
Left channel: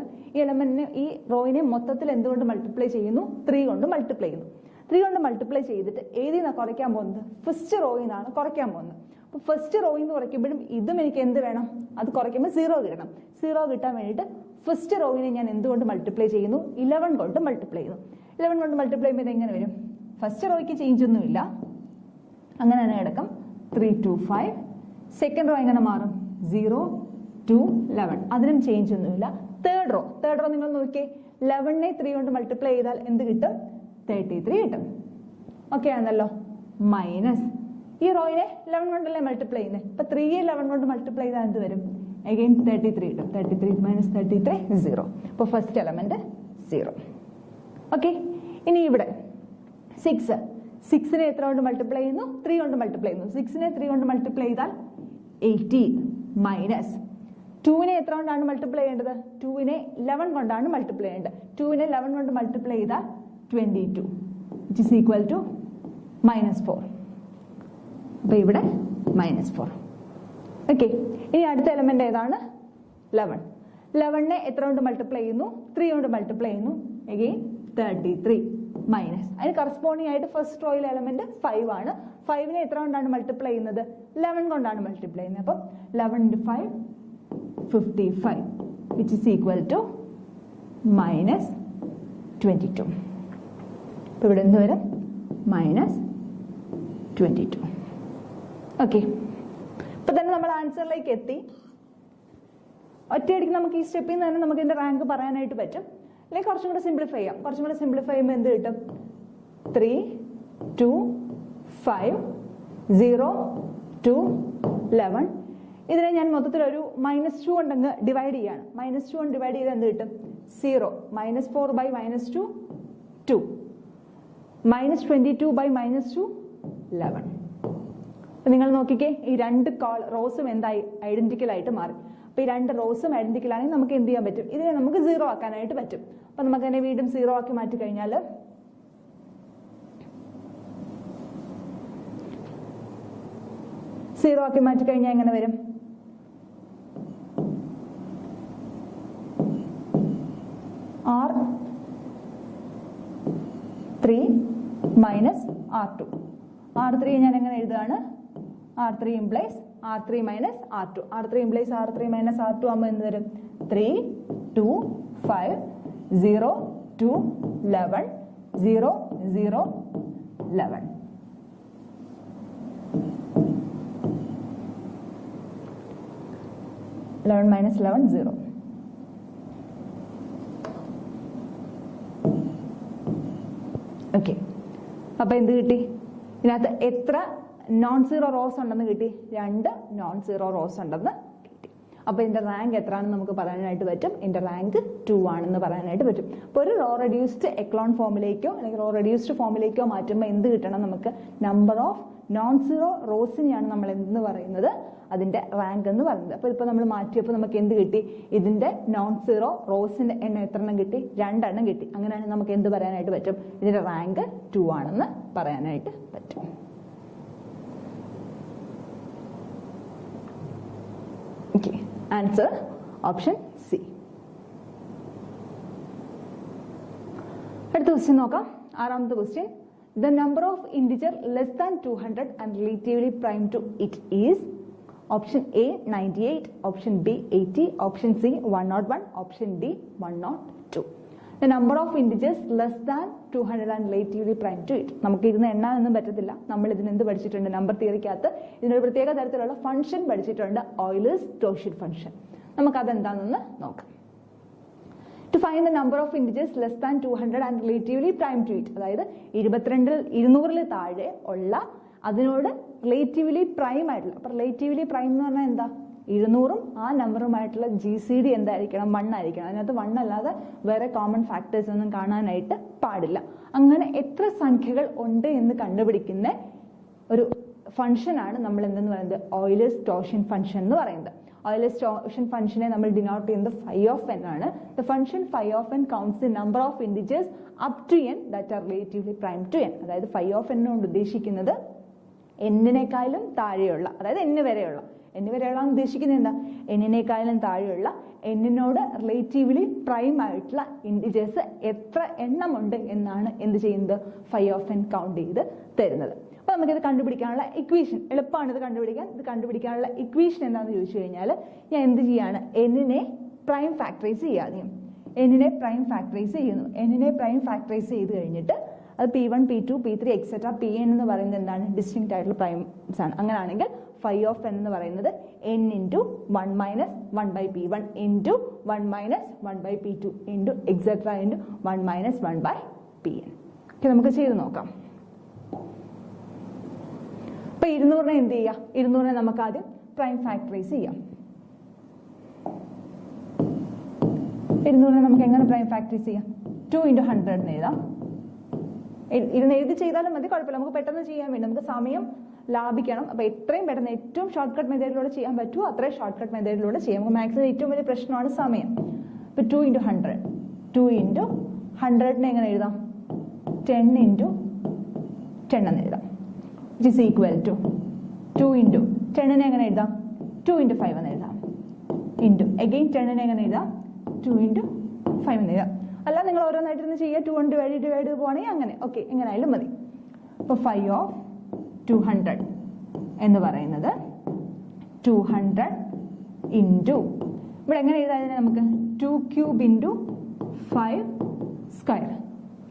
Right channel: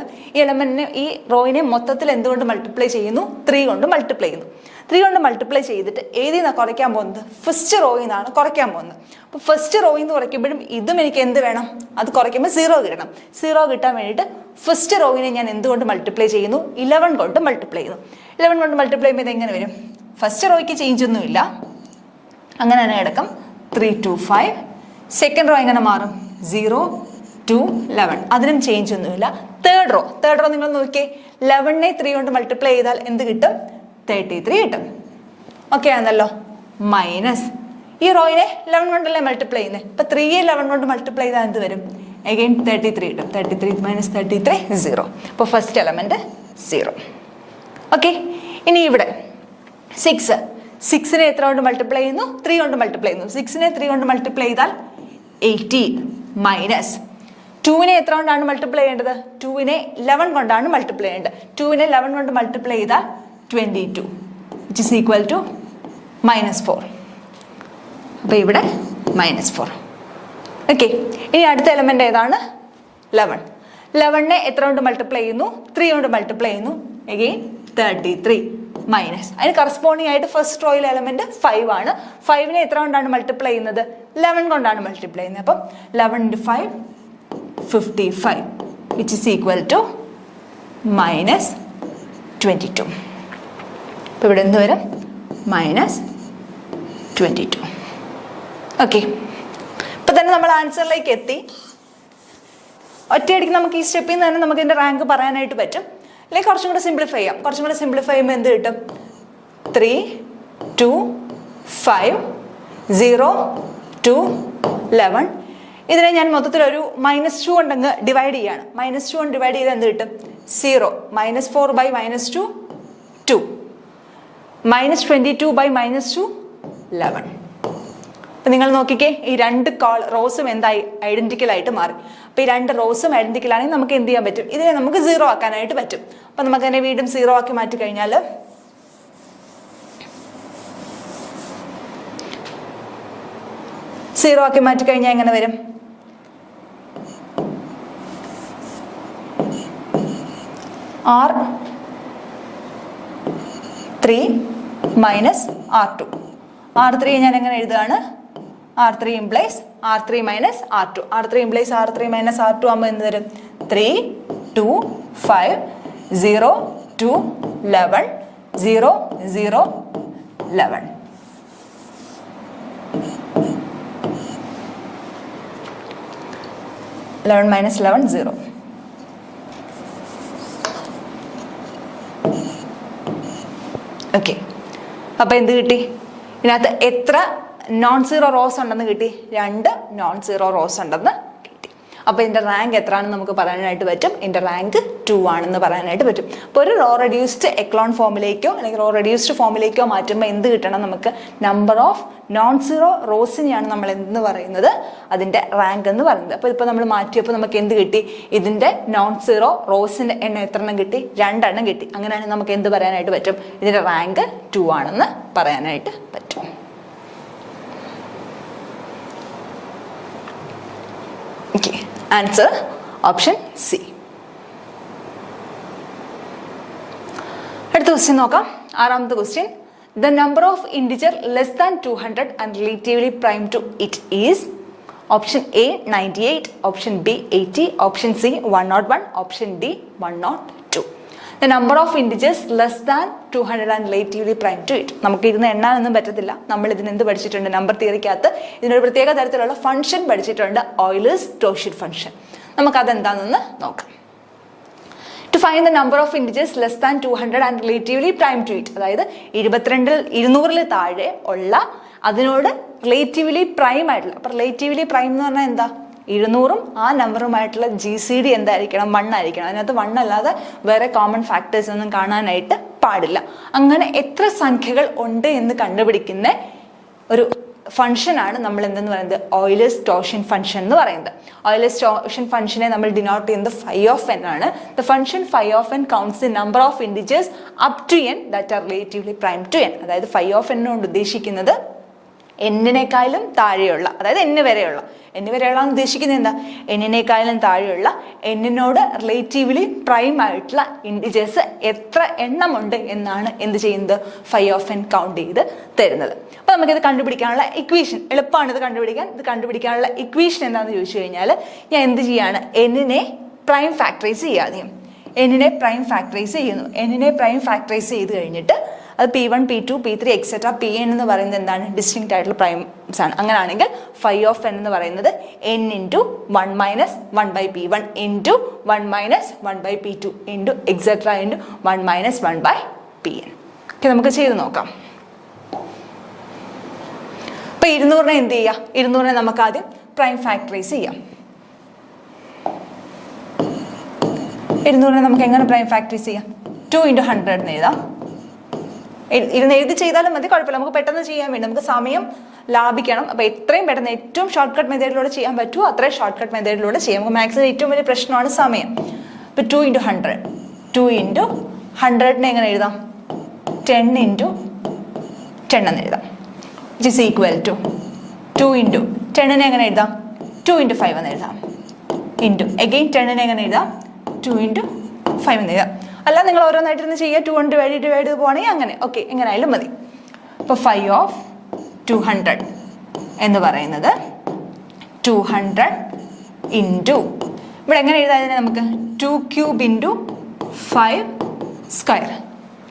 ഈ റോയിനെ മൊത്തത്തിൽ എന്തുകൊണ്ട് മൾട്ടിപ്ലൈ ചെയ്യുന്നു, 3 കൊണ്ട് മൾട്ടിപ്ലൈ ചെയ്യുന്നു. 3 കൊണ്ട് മൾട്ടിപ്ലൈ ചെയ്തിട്ട് ഏതിൽ നിന്നാണ് കുറയ്ക്കാൻ പോകുന്നത്, ഫസ്റ്റ് റോയിൽ നിന്നാണ് കുറയ്ക്കാൻ പോകുന്നത്. അപ്പോൾ ഫസ്റ്റ് റോയിൽ നിന്ന് കുറയ്ക്കുമ്പോഴും ഇതും എനിക്ക് എന്ത് വേണം, അത് കുറയ്ക്കുമ്പോൾ 0 കിട്ടണം. 0 കിട്ടാൻ വേണ്ടിയിട്ട് ഫസ്റ്റ് റോയിനെ ഞാൻ എന്തുകൊണ്ട് മൾട്ടിപ്ലൈ ചെയ്യുന്നു, 11 കൊണ്ട് മൾട്ടിപ്ലൈ ചെയ്യുന്നു. 11 കൊണ്ട് മൾട്ടിപ്ലൈ ചെയ്യുമ്പോൾ ഇത് എങ്ങനെ വരും, ഫസ്റ്റ് റോയ്ക്ക് ചേഞ്ച് ഒന്നുമില്ല, അങ്ങനെ തന്നെ കിടക്കും, 3 to 5. സെക്കൻഡ് റോ എങ്ങനെ മാറും, 0 to 11, അതിനും ചേഞ്ച് ഒന്നുമില്ല. തേർഡ് റോ നിങ്ങൾ നോക്കിയേ, 11നെ 3 കൊണ്ട് മൾട്ടിപ്ലൈ ചെയ്താൽ എന്ത് കിട്ടും, 33 കിട്ടും. ഓക്കെ ആണല്ലോ. മൈനസ് ഈ റോയിനെ 11 കൊണ്ടല്ലേ മൾട്ടിപ്ലൈ ചെയ്യുന്നത്, അപ്പം 3യെ 11 കൊണ്ട് മൾട്ടിപ്ലൈ ചെയ്താൽ എന്ത് വരും, അഗെയിൻ 33 കിട്ടും. 33 - 33 0. അപ്പോൾ ഫസ്റ്റ് എലമെന്റ് 0. ഓക്കെ, ഇനി ഇവിടെ 6നെ എത്ര കൊണ്ട് മൾട്ടിപ്ലൈ ചെയ്യുന്നു, 3 കൊണ്ട് മൾട്ടിപ്ലൈ ചെയ്യുന്നു. 6നെ 3 കൊണ്ട് മൾട്ടിപ്ലൈ ചെയ്താൽ 18 മൈനസ് 2നെ എത്ര കൊണ്ടാണ് മൾട്ടിപ്ലൈ ചെയ്യേണ്ടത്, 2നെ 11 കൊണ്ടാണ് മൾട്ടിപ്ലൈ ചെയ്യേണ്ടത്. 2നെ 11 കൊണ്ട് മൾട്ടിപ്ലൈ ചെയ്താൽ 22, which is equal to -4. അപ്പോൾ ഇവിടെ -4. ഓക്കെ, ഇനി അടുത്ത എലമെന്റ് ഏതാണ്, 11. 11നെ എത്ര കൊണ്ട് മൾട്ടിപ്ലൈ ചെയ്യുന്നു, 3 കൊണ്ട് മൾട്ടിപ്ലൈ ചെയ്യുന്നു, അഗെയിൻ 33 മൈനസ്. അതിന് കറസ്പോണ്ടിങ് ആയിട്ട് ഫസ്റ്റ് റോയിലെ എലമെന്റ് 5 ആണ്. 5നെ എത്ര കൊണ്ടാണ് മൾട്ടിപ്ലൈ ചെയ്യുന്നത്, 11 കൊണ്ടാണ് മൾട്ടിപ്ലൈ ചെയ്യുന്നത്. അപ്പം 11 × 5 55 which is equal to minus 22. അപ്പോൾ ഇവിടെ എന്ത് വരും? മൈനസ് 22. ഓക്കെ, ഇപ്പം തന്നെ നമ്മൾ ആൻസറിലേക്ക് എത്തി. ഒറ്റയടിക്ക് നമുക്ക് ഈ സ്റ്റെപ്പിൽ നിന്ന് തന്നെ നമുക്ക് ഇതിൻ്റെ റാങ്ക് പറയാനായിട്ട് പറ്റും. അല്ലെങ്കിൽ കുറച്ചും കൂടെ സിംപ്ലിഫൈ ചെയ്യാം. കുറച്ചും കൂടെ സിംപ്ലിഫൈ ചെയ്യുമ്പോൾ എന്ത് കിട്ടും? 3, 2, 5, 0, 2, 11. ഇതിനെ ഞാൻ മൊത്തത്തിലൊരു -2 കൊണ്ടങ്ങ് ഡിവൈഡ് ചെയ്യാണ്. -2 കൊണ്ട് ഡിവൈഡ് ചെയ്താൽ എന്ത് കിട്ടും? 0. -4 by -2 2. -22 by -2 11. അപ്പം നിങ്ങൾ നോക്കിക്കേ, ഈ രണ്ട് റോസും എന്തായി? ഐഡന്റിക്കൽ ആയിട്ട് മാറി. അപ്പോൾ ഈ രണ്ട് റോസും ഐഡന്റിക്കൽ ആണെങ്കിൽ നമുക്ക് എന്ത് ചെയ്യാൻ പറ്റും? ഇതിനെ നമുക്ക് 0 ആക്കാനായിട്ട് പറ്റും. അപ്പം നമുക്ക് അതിനെ വീണ്ടും 0 ആക്കി മാറ്റി കഴിഞ്ഞാൽ 0 ആക്കി മാറ്റി കഴിഞ്ഞാൽ എങ്ങനെ വരും? R3 minus R2. R3 ഞാൻ എങ്ങനെ എഴുതുകയാണ്? R3 implies R3 minus R2. R3 implies R3 minus R2 ആകുമ്പോൾ എന്ത് വരും? 3, 2, 5, 0, 2, 11, 0, 0, 11. -11, 0. ഓക്കെ, അപ്പോൾ എന്ത് കിട്ടി? ഇതിനകത്ത് എത്ര non-zero റോസ് ഉണ്ടെന്ന് കിട്ടി? 2 non-zero റോസ് ഉണ്ടെന്ന് കിട്ടി. അപ്പോൾ ഇതിൻ്റെ റാങ്ക് എത്രയാണെന്ന് നമുക്ക് പറയാനായിട്ട് പറ്റും? ഇതിൻ്റെ റാങ്ക് 2 ആണെന്ന് പറയാനായിട്ട് പറ്റും. അപ്പോൾ ഒരു റോ റെഡ്യൂസ്ഡ് എക്ലോൺ ഫോമിലേക്കോ അല്ലെങ്കിൽ റോ റെഡ്യൂസ്ഡ് ഫോമിലേക്കോ മാറ്റുമ്പോൾ എന്ത് കിട്ടണം നമുക്ക്? നമ്പർ ഓഫ് non-zero റോസിനെയാണ് നമ്മൾ എന്തെന്ന് പറയുന്നത്? അതിൻ്റെ റാങ്ക് എന്ന് പറയുന്നത്. അപ്പോൾ ഇപ്പോൾ നമ്മൾ മാറ്റിയപ്പോൾ നമുക്ക് എന്ത് കിട്ടി? ഇതിൻ്റെ non-zero റോസിൻ്റെ എണ്ണം എത്ര എണ്ണം കിട്ടി? 2 എണ്ണം കിട്ടി. അങ്ങനെയാണെങ്കിൽ നമുക്ക് എന്ത് പറയാനായിട്ട് പറ്റും? ഇതിൻ്റെ റാങ്ക് 2 ആണെന്ന് പറയാനായിട്ട് പറ്റും. Okay, answer option C. അടുത്ത ക്വസ്റ്റ്യൻ നോക്കാം. 6ാമത്തെ question. The number of integer less than 200 and relatively prime to it is option A 98, option B 80, option C 101, option D 102. The number of integers less than 200 and relatively prime to it. നമുക്ക് ഇരുന്ന് എണ്ണാനൊന്നും പറ്റത്തില്ല. നമ്മൾ ഇതിന് എന്ത് പഠിച്ചിട്ടുണ്ട്? Number തിയറിക്കകത്ത് ഇതിനൊരു പ്രത്യേക തരത്തിലുള്ള ഫംഗ്ഷൻ പഠിച്ചിട്ടുണ്ട്, Euler-Cauchy ഫംഗ്ഷൻ. നമുക്കതെന്താണെന്ന് നോക്കാം. To find the number of integers less than 200 and relatively prime to it, അതായത് 200-ൽ താഴെ ഉള്ള അതിനോട് റിലേറ്റീവ്ലി പ്രൈം ആയിട്ടുള്ള. അപ്പോൾ റിലേറ്റീവ്ലി പ്രൈം എന്ന് പറഞ്ഞാൽ എന്താ? 200-ഉം ആ നമ്പറുമായിട്ടുള്ള GCD എന്തായിരിക്കണം? 1 ആയിരിക്കണം. അതിനകത്ത് 1 അല്ലാതെ വേറെ കോമൺ ഫാക്ടേഴ്സ് ഒന്നും കാണാനായിട്ട് പാടില്ല. അങ്ങനെ എത്ര സംഖ്യകൾ ഉണ്ട് എന്ന് കണ്ടുപിടിക്കുന്ന ഒരു ഫംഗ്ഷനാണ് നമ്മൾ എന്തെന്ന് പറയുന്നത്? Euler-Cauchy ഫംഗ്ഷൻ എന്ന് പറയുന്നത്. Euler-Cauchy ഫംഗ്ഷനെ നമ്മൾ ഡിനോട്ട് ചെയ്യുന്നത് phi of n ആണ്. The function phi of n counts the number of integers up to n that are relatively prime to n. അതായത് phi of n കൊണ്ട് ഉദ്ദേശിക്കുന്നത് n-നേക്കാളും താഴെയുള്ള, അതായത് n വരെയുള്ള ഉദ്ദേശിക്കുന്നത് എന്താ? n-നേക്കാളും താഴെയുള്ള n-നോട് റിലേറ്റീവ്ലി പ്രൈം ആയിട്ടുള്ള ഇൻഡിജേഴ്സ് എത്ര എണ്ണമുണ്ട് എന്നാണ് എന്ത് ചെയ്യുന്നത്? phi of n കൗണ്ട് ചെയ്ത് തരുന്നത്. അപ്പോൾ നമുക്കിത് കണ്ടുപിടിക്കാനുള്ള ഇക്വേഷൻ എളുപ്പമാണ്. ഇത് കണ്ടുപിടിക്കാനുള്ള ഇക്വേഷൻ എന്താണെന്ന് ചോദിച്ചു കഴിഞ്ഞാൽ ഞാൻ എന്ത് ചെയ്യാണ്? n-നെ പ്രൈം ഫാക്ടറൈസ് ചെയ്യാതെയും n-നെ പ്രൈം ഫാക്ടറൈസ് ചെയ്യുന്നു. n-നെ പ്രൈം ഫാക്ടറൈസ് ചെയ്ത് കഴിഞ്ഞിട്ട് അത് P1, P2, P3 etcetera Pn എന്ന് പറയുന്നത് എന്താണ്? ഡിസ്റ്റിങ്ക്റ്റ് ആയിട്ടുള്ള പ്രൈംസ് ആണ്. അങ്ങനെയാണെങ്കിൽ phi of n എന്ന് പറയുന്നത് n × 1 - 1/P1 × 1 - 1/P2 × etcetera × 1 - 1/Pn. Okay, നമുക്ക് ചെയ്ത് നോക്കാം. അപ്പോൾ 200-നെ എന്ത് ചെയ്യുക? 200-നെ നമുക്ക് ആദ്യം പ്രൈം ഫാക്ടറൈസ് ചെയ്യാം. 200-നെ നമുക്ക് എങ്ങനെ പ്രൈം ഫാക്ടറൈസ് ചെയ്യാം? 2 × 100 എന്ന് എഴുതാം. ഇരുന്ന് എഴുതി ചെയ്താലും മതി, കുഴപ്പമില്ല. നമുക്ക് പെട്ടെന്ന് ചെയ്യാൻ വേണ്ടി നമുക്ക് സമയം ലാഭിക്കണം. അപ്പോൾ എത്രയും പെട്ടെന്ന് ഏറ്റവും ഷോർട്ട് കട്ട് മെത്തേഡിലൂടെ ചെയ്യാൻ പറ്റുമോ അത്രയും ഷോർട്ട് കട്ട് മെത്തേഡിലൂടെ ചെയ്യാം. നമുക്ക് മാക്സിമം ഏറ്റവും വലിയ പ്രശ്നമാണ് സമയം. ഇപ്പോൾ 2 × 100 2 × 100-നെ എങ്ങനെ എഴുതാം? 10 × 10 എന്ന് എഴുതാം. which is equal to 2 × 10-നെ എങ്ങനെ എഴുതാം? 2 × 5 എന്ന് എഴുതാം. again 10-നെ എങ്ങനെ എഴുതാം? 2 × 5 എന്ന് എഴുതാം. അല്ല, നിങ്ങൾ ഓരോന്നായിട്ടിരുന്ന് ചെയ്യുക. 2 കൊണ്ട് ഡിവൈഡ് ചെയ്ത് പോകണമെങ്കിൽ അങ്ങനെ ഓക്കെ, എങ്ങനെയായാലും മതി. അപ്പോൾ phi of 200 എന്ന് പറയുന്നത് 200 × ഇവിടെ എങ്ങനെ എഴുതാതിനെ നമുക്ക് 2 cube into 5 square.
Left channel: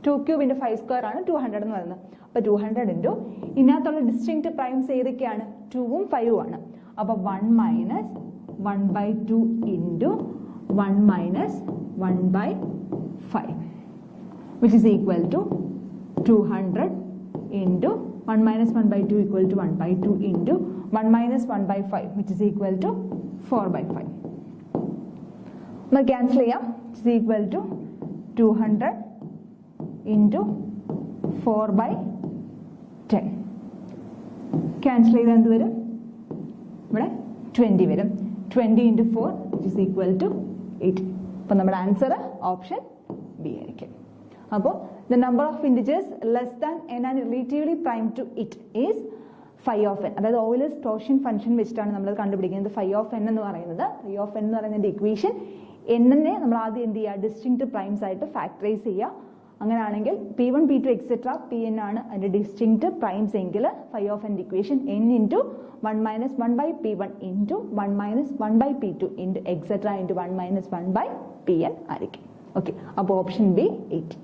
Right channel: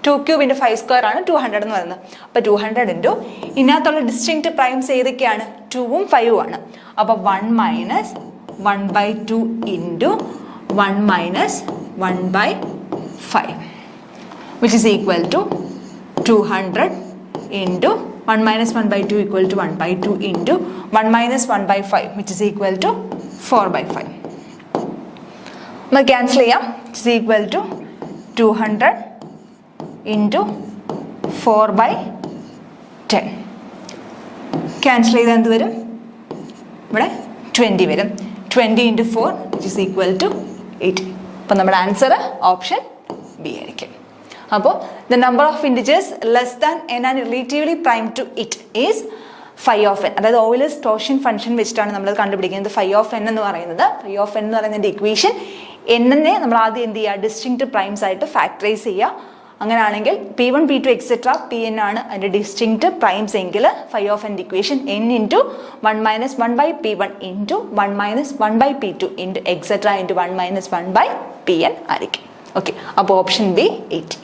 2 cube into 5 square ആണ് 200 എന്ന് പറയുന്നത്. അപ്പോൾ 200 ഇൻറ്റു ഇതിനകത്തുള്ള ഡിസ്റ്റിങ്ക്റ്റ് പ്രൈംസ് ഏതൊക്കെയാണ്? 2ഉം 5ഉം ആണ്. അപ്പോൾ 1 minus 1/2 into 1 minus 1/5 which is equal to 200 into 1 minus 1/2 equal to 1/2 into 1 minus 1/5 which is equal to 4/5. നമുക്ക് ക്യാൻസൽ ചെയ്യാം. It is equal to 200 into 4/10. Cancel ചെയ്താൽ എന്ത് വരും? ഇവിടെ 20 വരും. 20 into 4 which is equal to 8. അപ്പോൾ നമ്മുടെ ആൻസർ ഓപ്ഷൻ ബി ആയിരിക്കും. അപ്പോൾ the number of integers less than n and relatively prime to it is phi of n. അതായത് ഓയിലേഴ്സ് ടോർഷൻ ഫംഗ്ഷൻ വെച്ചിട്ടാണ് നമ്മൾ കണ്ടുപിടിക്കുന്നത് phi of n എന്ന് പറയുന്നത്. phi of n എന്ന് പറയുന്നതിൻ്റെ ഇക്വേഷൻ n-നെ നമ്മൾ ആദ്യം എന്ത് ചെയ്യുക? ഡിസ്റ്റിങ്ക്റ്റ് പ്രൈംസ് ആയിട്ട് ഫാക്ടറൈസ് ചെയ്യുക. അങ്ങനെയാണെങ്കിൽ P1 P2 എക്സെട്ര Pn ആണ് അതിൻ്റെ ഡിസ്റ്റിങ്ക്റ്റ് പ്രൈംസ് എങ്കിൽ phi of n equation n into 1 minus 1/P1 into 1 minus 1/P2 into etcetera into 1 minus 1/Pn ആയിരിക്കും. ഓക്കെ, അപ്പോൾ ഓപ്ഷൻ ബി 80.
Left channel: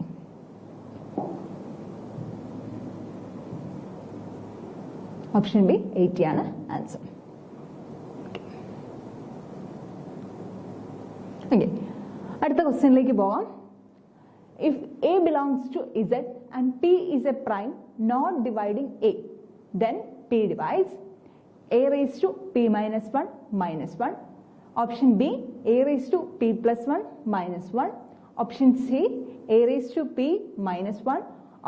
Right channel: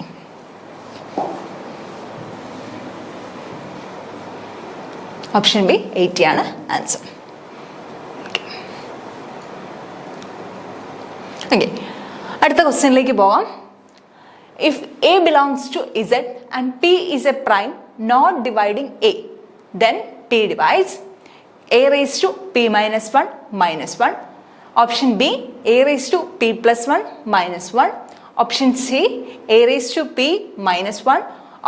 ഓപ്ഷൻ ബി 80 ആണ് ആൻസർ. ഓക്കെ, അടുത്ത ക്വസ്റ്റ്യനിലേക്ക് പോകാം. If A belongs to Z and P is a prime not dividing A, then P divides A raise to P minus 1 minus 1. Option B A raise to P plus 1 minus 1. Option C A raise to P minus 1.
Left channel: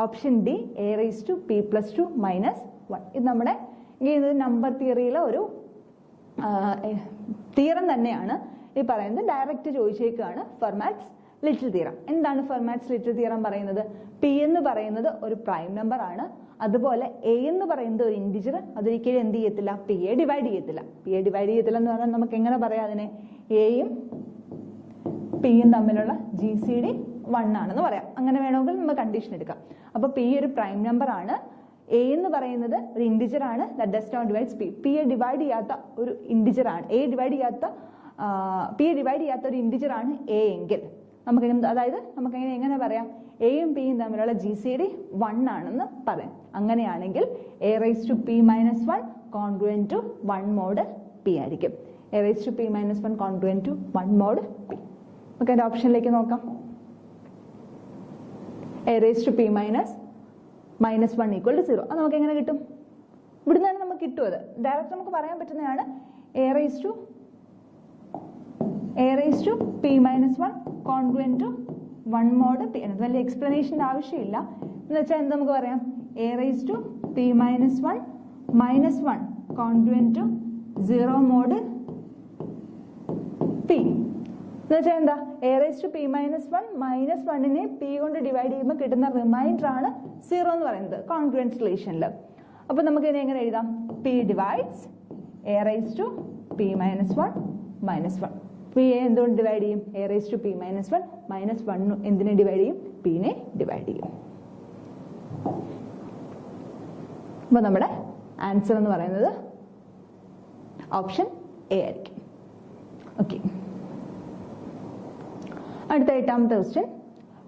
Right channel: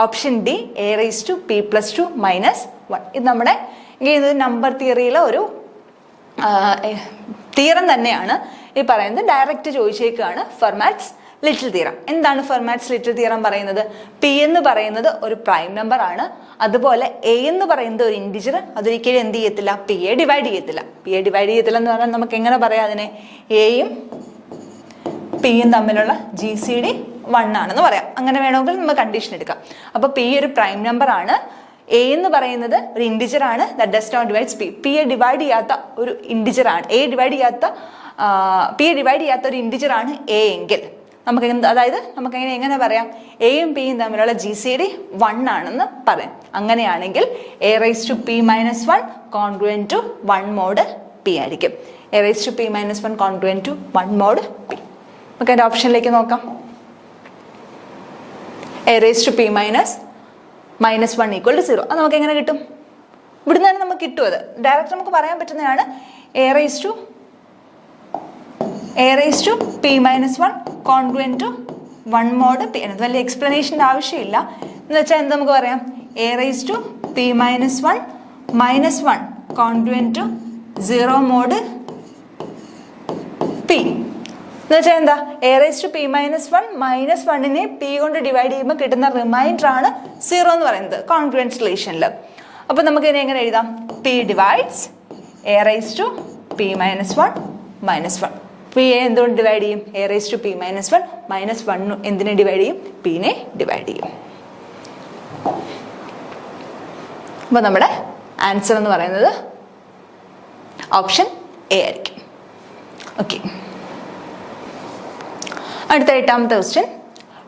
Option D A raise to P plus 2 minus 1. ഇത് നമ്മുടെ ഇത് number തിയറിയിലെ ഒരു theorem തന്നെയാണ്. ഈ പറയുന്നത് direct ചോദിച്ചേക്കാണ് Fermat's little theorem. എന്താണ് Fermat's little theorem പറയുന്നത്? P എന്ന് പറയുന്നത് ഒരു പ്രൈം നമ്പർ ആണ്. അതുപോലെ എ എന്ന് പറയുന്നത് ഒരു ഇൻറ്റിജർ. അതൊരിക്കലും എന്ത് ചെയ്യത്തില്ല? പി എ ഡിവൈഡ് ചെയ്യത്തില്ല. പി എ ഡിവൈഡ് ചെയ്യത്തില്ല എന്ന് പറഞ്ഞാൽ നമുക്ക് എങ്ങനെ പറയാം അതിനെ? എയും പിയും തമ്മിലുള്ള GCD 1 ആണെന്ന് പറയാം. അങ്ങനെ വേണമെങ്കിൽ നമുക്ക് കണ്ടീഷൻ എടുക്കാം. അപ്പോൾ പി ഒരു പ്രൈം നമ്പർ ആണ്. എ എന്ന് പറയുന്നത് ഒരു ഇൻറ്റിജർ ആണ്. That does not divides P. P A divide ചെയ്യാത്ത ഒരു ഇൻറ്റിജർ ആണ്. പി എ ഡിവൈഡ് ചെയ്യാത്ത ഒരു ഇൻറ്റിജർ ആണ് എ എങ്കിൽ നമുക്ക് അതായത് നമുക്ക് എങ്ങനെ പറയാം? എയും പിയും തമ്മിലുള്ള GCD 1 ആണെന്ന് പറയാം. അങ്ങനെയാണെങ്കിൽ a rice to P minus 1 congruent to 1 mod p ആയിരിക്കും. A rice to P minus 1 congruent to 1 mod p. നമുക്ക് അതിൻ്റെ ഓപ്ഷനിലേക്ക് നോക്കാം. A rice to P minus 1 equal to 0. അത് നമുക്ക് എങ്ങനെ കിട്ടും? ഇവിടുന്ന് തന്നെ നമുക്ക് കിട്ടും. അത് ഡയറക്റ്റ് നമുക്ക് പറയാൻ പറ്റുന്നതാണ്. A rice to P minus 1 congruent to 1 mod p. അത് വലിയ എക്സ്പ്ലനേഷൻ്റെ ആവശ്യമില്ല. എന്ന് വെച്ചാൽ എന്ത് നമുക്ക് പറയാം? A rice to P minus 1 minus 1 congruent to 0 mod p. എന്ന് വെച്ചാൽ എന്താ? A rice to P minus 1 minus 1നെ പി കൊണ്ട് ഡിവൈഡ് ചെയ്യുമ്പോൾ കിട്ടുന്ന റിമൈൻഡർ ആണ് 0 എന്ന് പറയുന്നത് കോൺഗ്രുവൻസ് റിലേഷനിൽ. അപ്പോൾ നമുക്ക് ഇതിനെ എങ്ങനെ എഴുതാം? P divides A rice to P minus 1 minus 1. P A എന്തുകൊണ്ട് ഡിവൈഡ് ചെയ്യും? A rice to P minus 1 minus 1 എന്തിനെ ഡിവൈഡ് ചെയ്യും? പിനെ ഡിവൈഡ് ചെയ്യും. അപ്പോൾ നമ്മുടെ ആൻസർ എന്ന് പറയുന്നത് ഓപ്ഷൻ എ ആയിരിക്കും. ഓക്കെ, അടുത്ത 8ാമത്തെ question.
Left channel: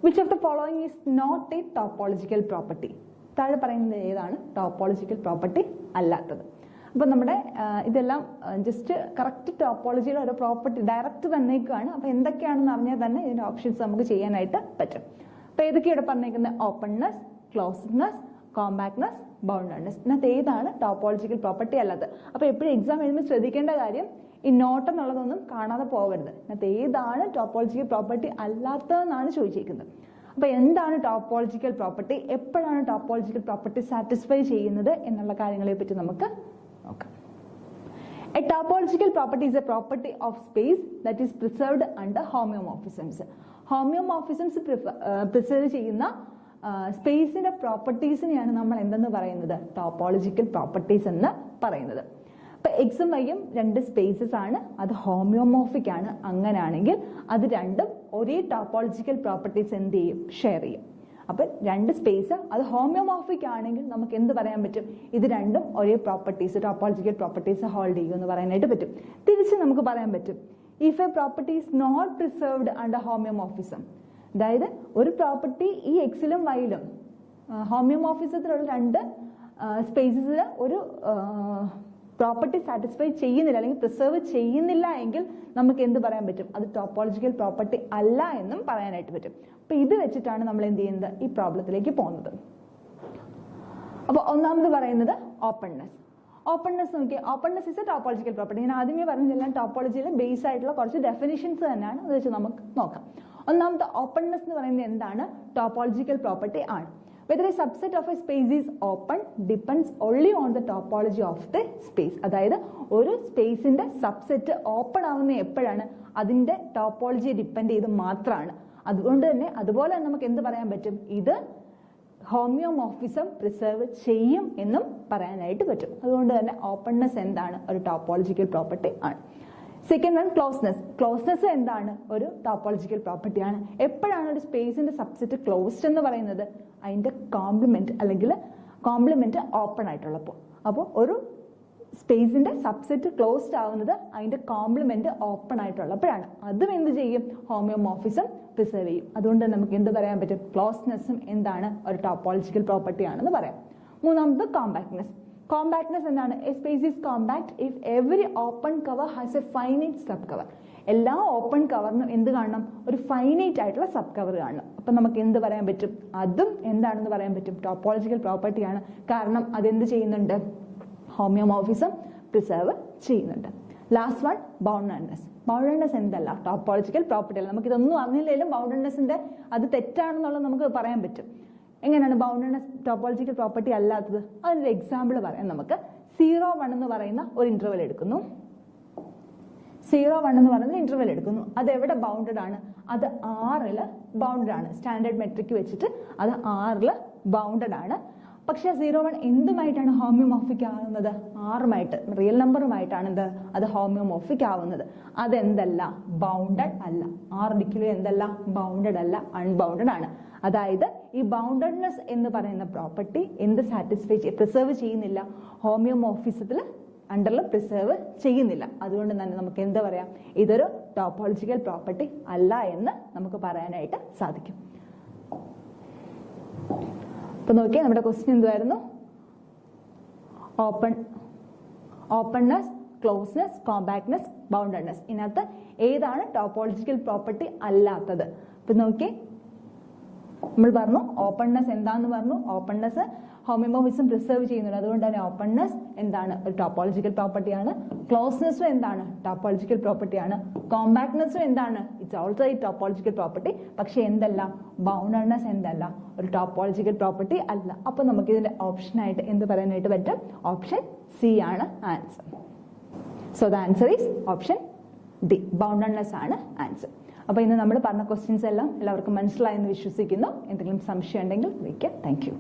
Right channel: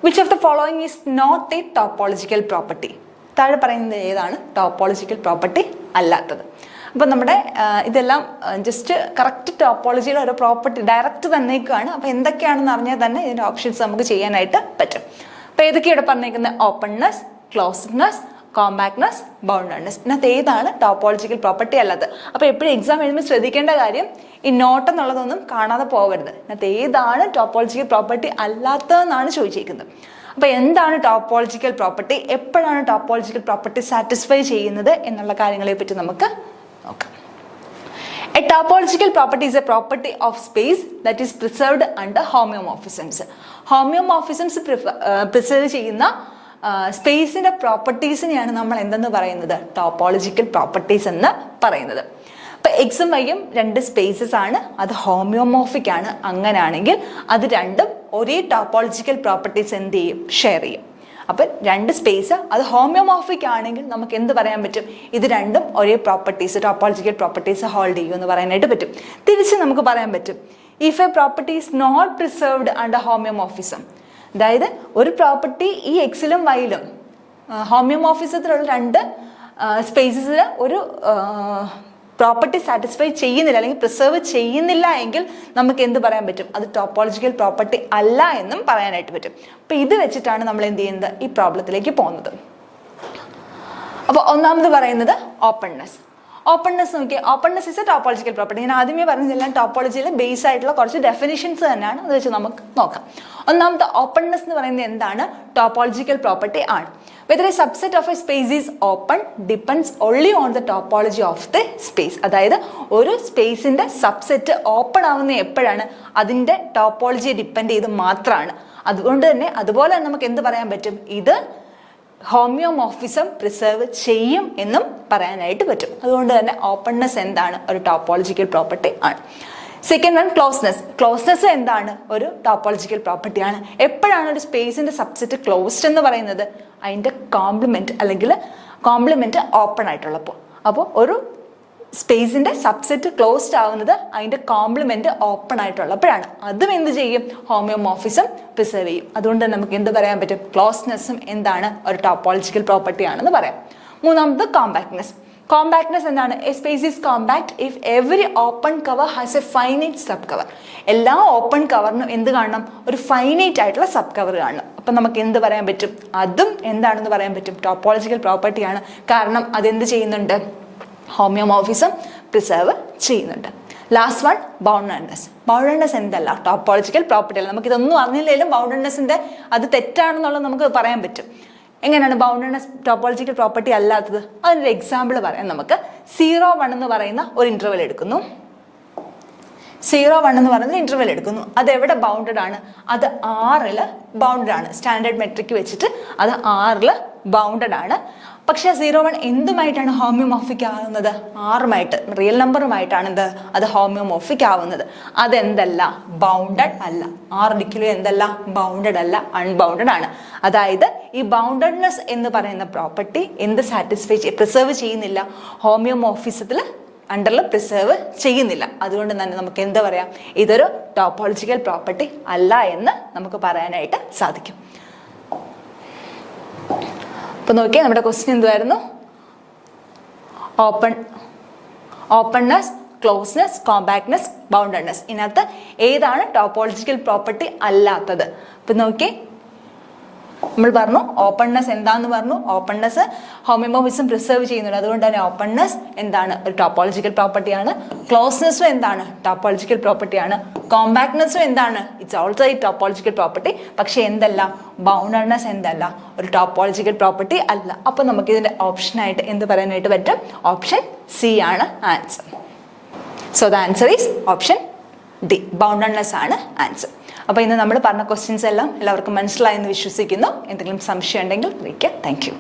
Which of the following is not a topological property? താഴെ പറയുന്നത് ഏതാണ് ടോപ്പോളജിക്കൽ പ്രോപ്പർട്ടി അല്ലാത്തത്? അപ്പം നമ്മുടെ ഇതെല്ലാം ജസ്റ്റ് കറക്റ്റ് ടോപ്പോളജിയുടെ ഒരു പ്രോപ്പർട്ടി ഡയറക്റ്റ് തന്നേക്കാണ്. അപ്പോൾ എന്തൊക്കെയാണെന്ന് അറിഞ്ഞാൽ തന്നെ ഇതിൻ്റെ ഓപ്ഷൻസ് നമുക്ക് ചെയ്യാനായിട്ട് പറ്റും. അപ്പോൾ ഏതൊക്കെയാണ് പറഞ്ഞേക്കുന്നത്? Openness, closedness, compactness, boundedness. ഇതിനകത്ത് ഏതാണ് ടോപ്പോളജിക്കൽ പ്രോപ്പർട്ടി അല്ലാത്തത്? അപ്പോൾ എപ്പോഴും എക്സാം എഴുതുമ്പോൾ ശ്രദ്ധിക്കേണ്ട കാര്യം ഈ നോട്ട് എന്നുള്ളതൊന്നും കാണാതെ പോകരുത്. ഇതിനകത്ത് ഏതാണ് ടോപ്പോളജിക്കൽ പ്രോപ്പർട്ടി അല്ലാത്തതെന്നാണ് ചോദിച്ചിരിക്കുന്നത്. അപ്പോൾ എന്താണ് ടോപ്പോളജിക്കൽ പ്രോപ്പർട്ടി, എപ്പോഴാണ് ടോപ്പോളജിക്കൽ പ്രോപ്പർട്ടി സാറ്റിസ്ഫൈ ചെയ്യുന്നത് എന്നുള്ള കാര്യങ്ങളെ പറ്റി നമുക്ക് നോക്കാം. A topological property is a property of space that is preserved under homeomorphisms. Homeomorphisms preserve ചെയ്യുന്ന സ്പേസിൻ്റെ പ്രോപ്പർട്ടീസിനെയാണ് നമ്മൾ എന്തെന്ന് പറയുന്നത്? ടോപ്പോളജിക്കൽ പ്രോപ്പർട്ടീസ് എന്ന് പറയുന്നത്. അപ്പോൾ എക്സും വൈയും 2 സ്പേസസ് ആണ്, അത് ഹോമിയോമോർഫിക് ആണ്. അങ്ങനെയാണെങ്കിൽ അത് രണ്ടും ഒരേ ടോപ്പോളജിക്കൽ പ്രോപ്പർട്ടീസ് എന്ത് ചെയ്യും? ഷെയർ ചെയ്യും. അപ്പം 2 സ്പേസ് അത് ഹോമിയോമോർഫിക് ആണെങ്കിൽ നമുക്ക് എന്ത് പറയാൻ പറ്റും? ഇത് രണ്ടും ഒരേ പ്രോപ്പർട്ടീസ് ടോപ്പോളജിക്കൽ പ്രോപ്പർട്ടീസ് ഹോൾഡ് ചെയ്യും എന്ന് പറയാനായിട്ട് പറ്റും. തിരിച്ച് നമുക്ക് പറയാൻ പറ്റും if a property is not preserved under homeomorphism. അതായത് ഒരു പ്രോപ്പർട്ടി ഈ എക്സിലും വൈയിലും ഹോമിയോമോർഫിസത്തിലുള്ള രണ്ട് സ്പേസസിൽ ഒരു പ്രോപ്പർട്ടി സാറ്റിസ്ഫൈ ചെയ്യുന്നില്ല അല്ലെങ്കിൽ പ്രിസർവ് ചെയ്യുന്നില്ല എങ്കിൽ നമുക്ക് എന്ത് പറയാൻ പറ്റും? അത് ടോപ്പോളജിക്കൽ പ്രോപ്പർട്ടി അല്ല എന്നും പറയാനായിട്ട് പറ്റും. അപ്പം ഇത് വെച്ചിട്ടാണ് നമ്മൾ എന്ത് ചെയ്യുന്നത്? ഈ പ്രോബ്ലത്തിലേക്ക് പോകുന്നത്. അപ്പോൾ ഒന്നാമത് പറയുന്നത് ഓപ്പൺനെസ്. ഓപ്പൺനെസ് നോക്കിയാൽ openness is A topological property. ഞാൻ ആദ്യമേ പറഞ്ഞതെല്ലാം ടോപ്പോളജിയിൽ ബേസ് ആയിട്ടുള്ള കുറച്ച് ഡെഫിനിഷൻസ് തന്നെയാണ്. അത് വെച്ച് നമുക്ക് നോക്കാം. ഒന്നാമത്തെ ഓപ്പൺനെസ് എന്ന് പറയുന്നത് എന്താണ്? ടോപ്പോളജിക്കൽ പ്രോപ്പർട്ടി ആണ്. Whether a subset of a space is open depends only on the topology of the space. അതായത് ഒരു സ്പേസിന്റെ സബ്സെറ്റ് ഓപ്പൺ ആവുന്ന എപ്പോഴാണ്? അതിന്റെ ടോപ്പോളജിയെ ഡിപ്പെൻഡ് ചെയ്ത് മാത്രമാണ്. അതുകൊണ്ട് തന്നെ അതുപോലെ തന്നെ നമുക്ക് എന്ത് പറയാൻ പറ്റും? ഇത് ഹോമിയോമോർഫിസം പ്രിസർവ് ചെയ്യും എന്നും പറയാനായിട്ട് പറ്റും. അതുകൊണ്ട് തന്നെ ഓപ്പൺനെസ് എന്താണ്? ഒരു ടോപ്പോളജിക്കൽ പ്രോപ്പർട്ടി ആണ്. Second one closeness. ക്ലോസ്നെസ് എന്താണ്? ഒരു ടോപ്പോളജിക്കൽ പ്രോപ്പർട്ടിയാണ്. എപ്പോഴാണ് ഒരു സ്പേസിന്റെ സബ്സെറ്റ് ക്ലോസ്ഡ് എന്ന് പറയുന്നത്? അതിൻ്റെ കോംപ്ലിമെന്റ് അല്ലെങ്കിൽ കോംപ്ലിമെന്റ് ഓപ്പൺ ആയിട്ടുള്ളപ്പോൾ. അപ്പോൾ ഒരു സ്പേസിന്റെ സബ്സെറ്റ് ക്ലോസ്ഡ് ആവുന്നത് അതിൻ്റെ കോംപ്ലിമെന്റ് ഓപ്പൺ ആയിട്ടുള്ളപ്പോഴാണ്. അതും എന്ത് ചെയ്യും? ഹോമിയോമോർഫിസം പ്രിസർവ് ചെയ്യും. അതുകൊണ്ട് നമുക്ക് എന്ത് പറയാൻ പറ്റും? ക്ലോസ്നെസ്സും എന്താണ്? ഒരു ടോപ്പോളജിക്കൽ പ്രോപ്പർട്ടി ആണെന്ന് പറയാം. മൂന്നാമത് കോമ്പാക്ട്നെസ്. കോമ്പാക്ട്നെസ് എന്താണ്? A space is compact if every open cover has A finite sub cover. എല്ലാ ഓപ്പൺ കവറിനും എന്ത് കാണണം? ഒരു ഫൈനൈറ്റ് ആയിട്ടുള്ള സബ് കവർ കാണണം. അപ്പം നമുക്ക് എന്ത് പറയാൻ പറ്റും? അതും എന്താണെന്ന് പറയാൻ പറ്റും? ടോപ്പോളജിക്കൽ പ്രോപ്പർട്ടിയാണ്. കാരണം അതെന്ത് ചെയ്യുന്നുണ്ട്? ഹോമിയോമോർഫിസം പ്രിസർവ് ചെയ്യുന്നുണ്ട്. Last one boundedness. ബൗണ്ടഡ്നെസ് എന്തല്ല? ടോപ്പോളജിക്കൽ പ്രോപ്പർട്ടി അല്ല. നമുക്കിതൊന്നും അറിഞ്ഞില്ലെങ്കിലും ബൗണ്ടഡ്നെസ്സിൻ്റെ അത് തെറ്റാണെന്നുള്ളത് നമുക്ക് പറയാൻ പറ്റും. എങ്ങനെയാണ് ബൗണ്ടഡ്നെസ് ടോപ്പോളജിക്കൽ പ്രോപ്പർട്ടി അല്ലാത്തത്? അതിനൊരു എക്സാമ്പിൾ പറയാം നമുക്ക്. 0, 1 എന്ന് പറയുന്ന ഒരു ഇന്റർവെൽ എടുക്കുന്നു. 0, 1 എന്ന് പറയുന്ന ഇന്റർവെൽ എടുക്കുന്നു. അത് എവിടെ ബൗണ്ടഡ് ആണ്? അത് R ബൗണ്ടഡ് ആണ്. സ്റ്റാൻഡേർഡ് മെട്രിക് വെച്ചിട്ട് അത് R ബൗണ്ടഡ് ആണ്. പക്ഷെ 0, 1 എന്തുമായിട്ടാണ് ഹോമിയോമോർഫിക് ആവുന്നത്? ആറുമായിട്ട്, റിയൽ നമ്പറുമായിട്ടാണ് എന്ത്? അത് ഹോമിയോമോർഫിക് ആവുന്നത്. അതെന്തല്ല? ബൗണ്ടഡ് അല്ല. ഒരിക്കലും എന്തല്ല? ബൗണ്ടഡ് അല്ല, അൺബൗണ്ടഡ് ആണ്. അതായത് ഈ ബൗണ്ടഡ്നെസ് എന്ന് പറയുന്ന പ്രോപ്പർട്ടി എന്ത് പ്രിസർവ് ചെയ്യുന്നില്ല? ഹോമിയോമോർഫിസത്തിൽ അണ്ടറിൽ പ്രിസർവ് ചെയ്യുന്നില്ല. അതുകൊണ്ട് തന്നെ നമുക്ക് എന്താ പറയാം? ഇതൊരു ടോപ്പോളജിക്കൽ പ്രോപ്പർട്ടി അല്ല എന്ന് നമുക്ക് പറയാനായിട്ട് സാധിക്കും. അപ്പൊ നോക്കിയാൽ നമ്മുടെ ക്വസ്റ്റ്യൻ എന്തുവായിരുന്നു? Openness, closeness, compactness, boundedness. ഇതിനകത്ത് ഏതാണ് ടോപ്പോളജിക്കൽ പ്രോപ്പർട്ടി അല്ലാത്തത്? അപ്പൊ നോക്കിയേ, നമ്മൾ പറഞ്ഞു ഓപ്പൺനെസ് എന്താന്ന് പറഞ്ഞു. ഓപ്പൺനെസ് ഹോമിയോമോർഫിസം പ്രിസർവ് ചെയ്യുന്നുണ്ട്. അതുകൊണ്ട് തന്നെ ഓപ്പൺനെസ് എന്താണ്? ഒരു ടോപ്പോളജിക്കൽ പ്രോപ്പർട്ടിയാണ്. ക്ലോസ്നെസ്സും എന്താണ്? ടോപ്പോളജിക്കൽ പ്രോപ്പർട്ടിയാണ്. കോമ്പാക്ട്നെസ്സും എന്താണ്? ഇറ്റ്സ് ഓൾസോ ഈ ടോപ്പോളജിക്കൽ പ്രോപ്പർട്ടി. പക്ഷെ എന്തല്ല? ബൗണ്ടഡ്നെസ് എന്തല്ല? ഒരു ടോപ്പോളജിക്കൽ പ്രോപ്പർട്ടി അല്ല. അപ്പോൾ നമുക്ക് ഇതിന്റെ ഓപ്ഷനായിട്ട് എന്ത് പറയാനായിട്ട് പറ്റും? ഓപ്ഷൻ സി ആണ് answer. So the answer is option D. Boundedness ആണ് ആൻസർ. അപ്പോൾ ഇന്ന് നമ്മൾ പറഞ്ഞ ക്വസ്റ്റ്യൻസ് എല്ലാം എല്ലാവർക്കും മനസ്സിലായെന്ന് വിശ്വസിക്കുന്നു. എന്തെങ്കിലും സംശയം ഉണ്ടെങ്കിൽ അറിയിക്കുക. Thank you.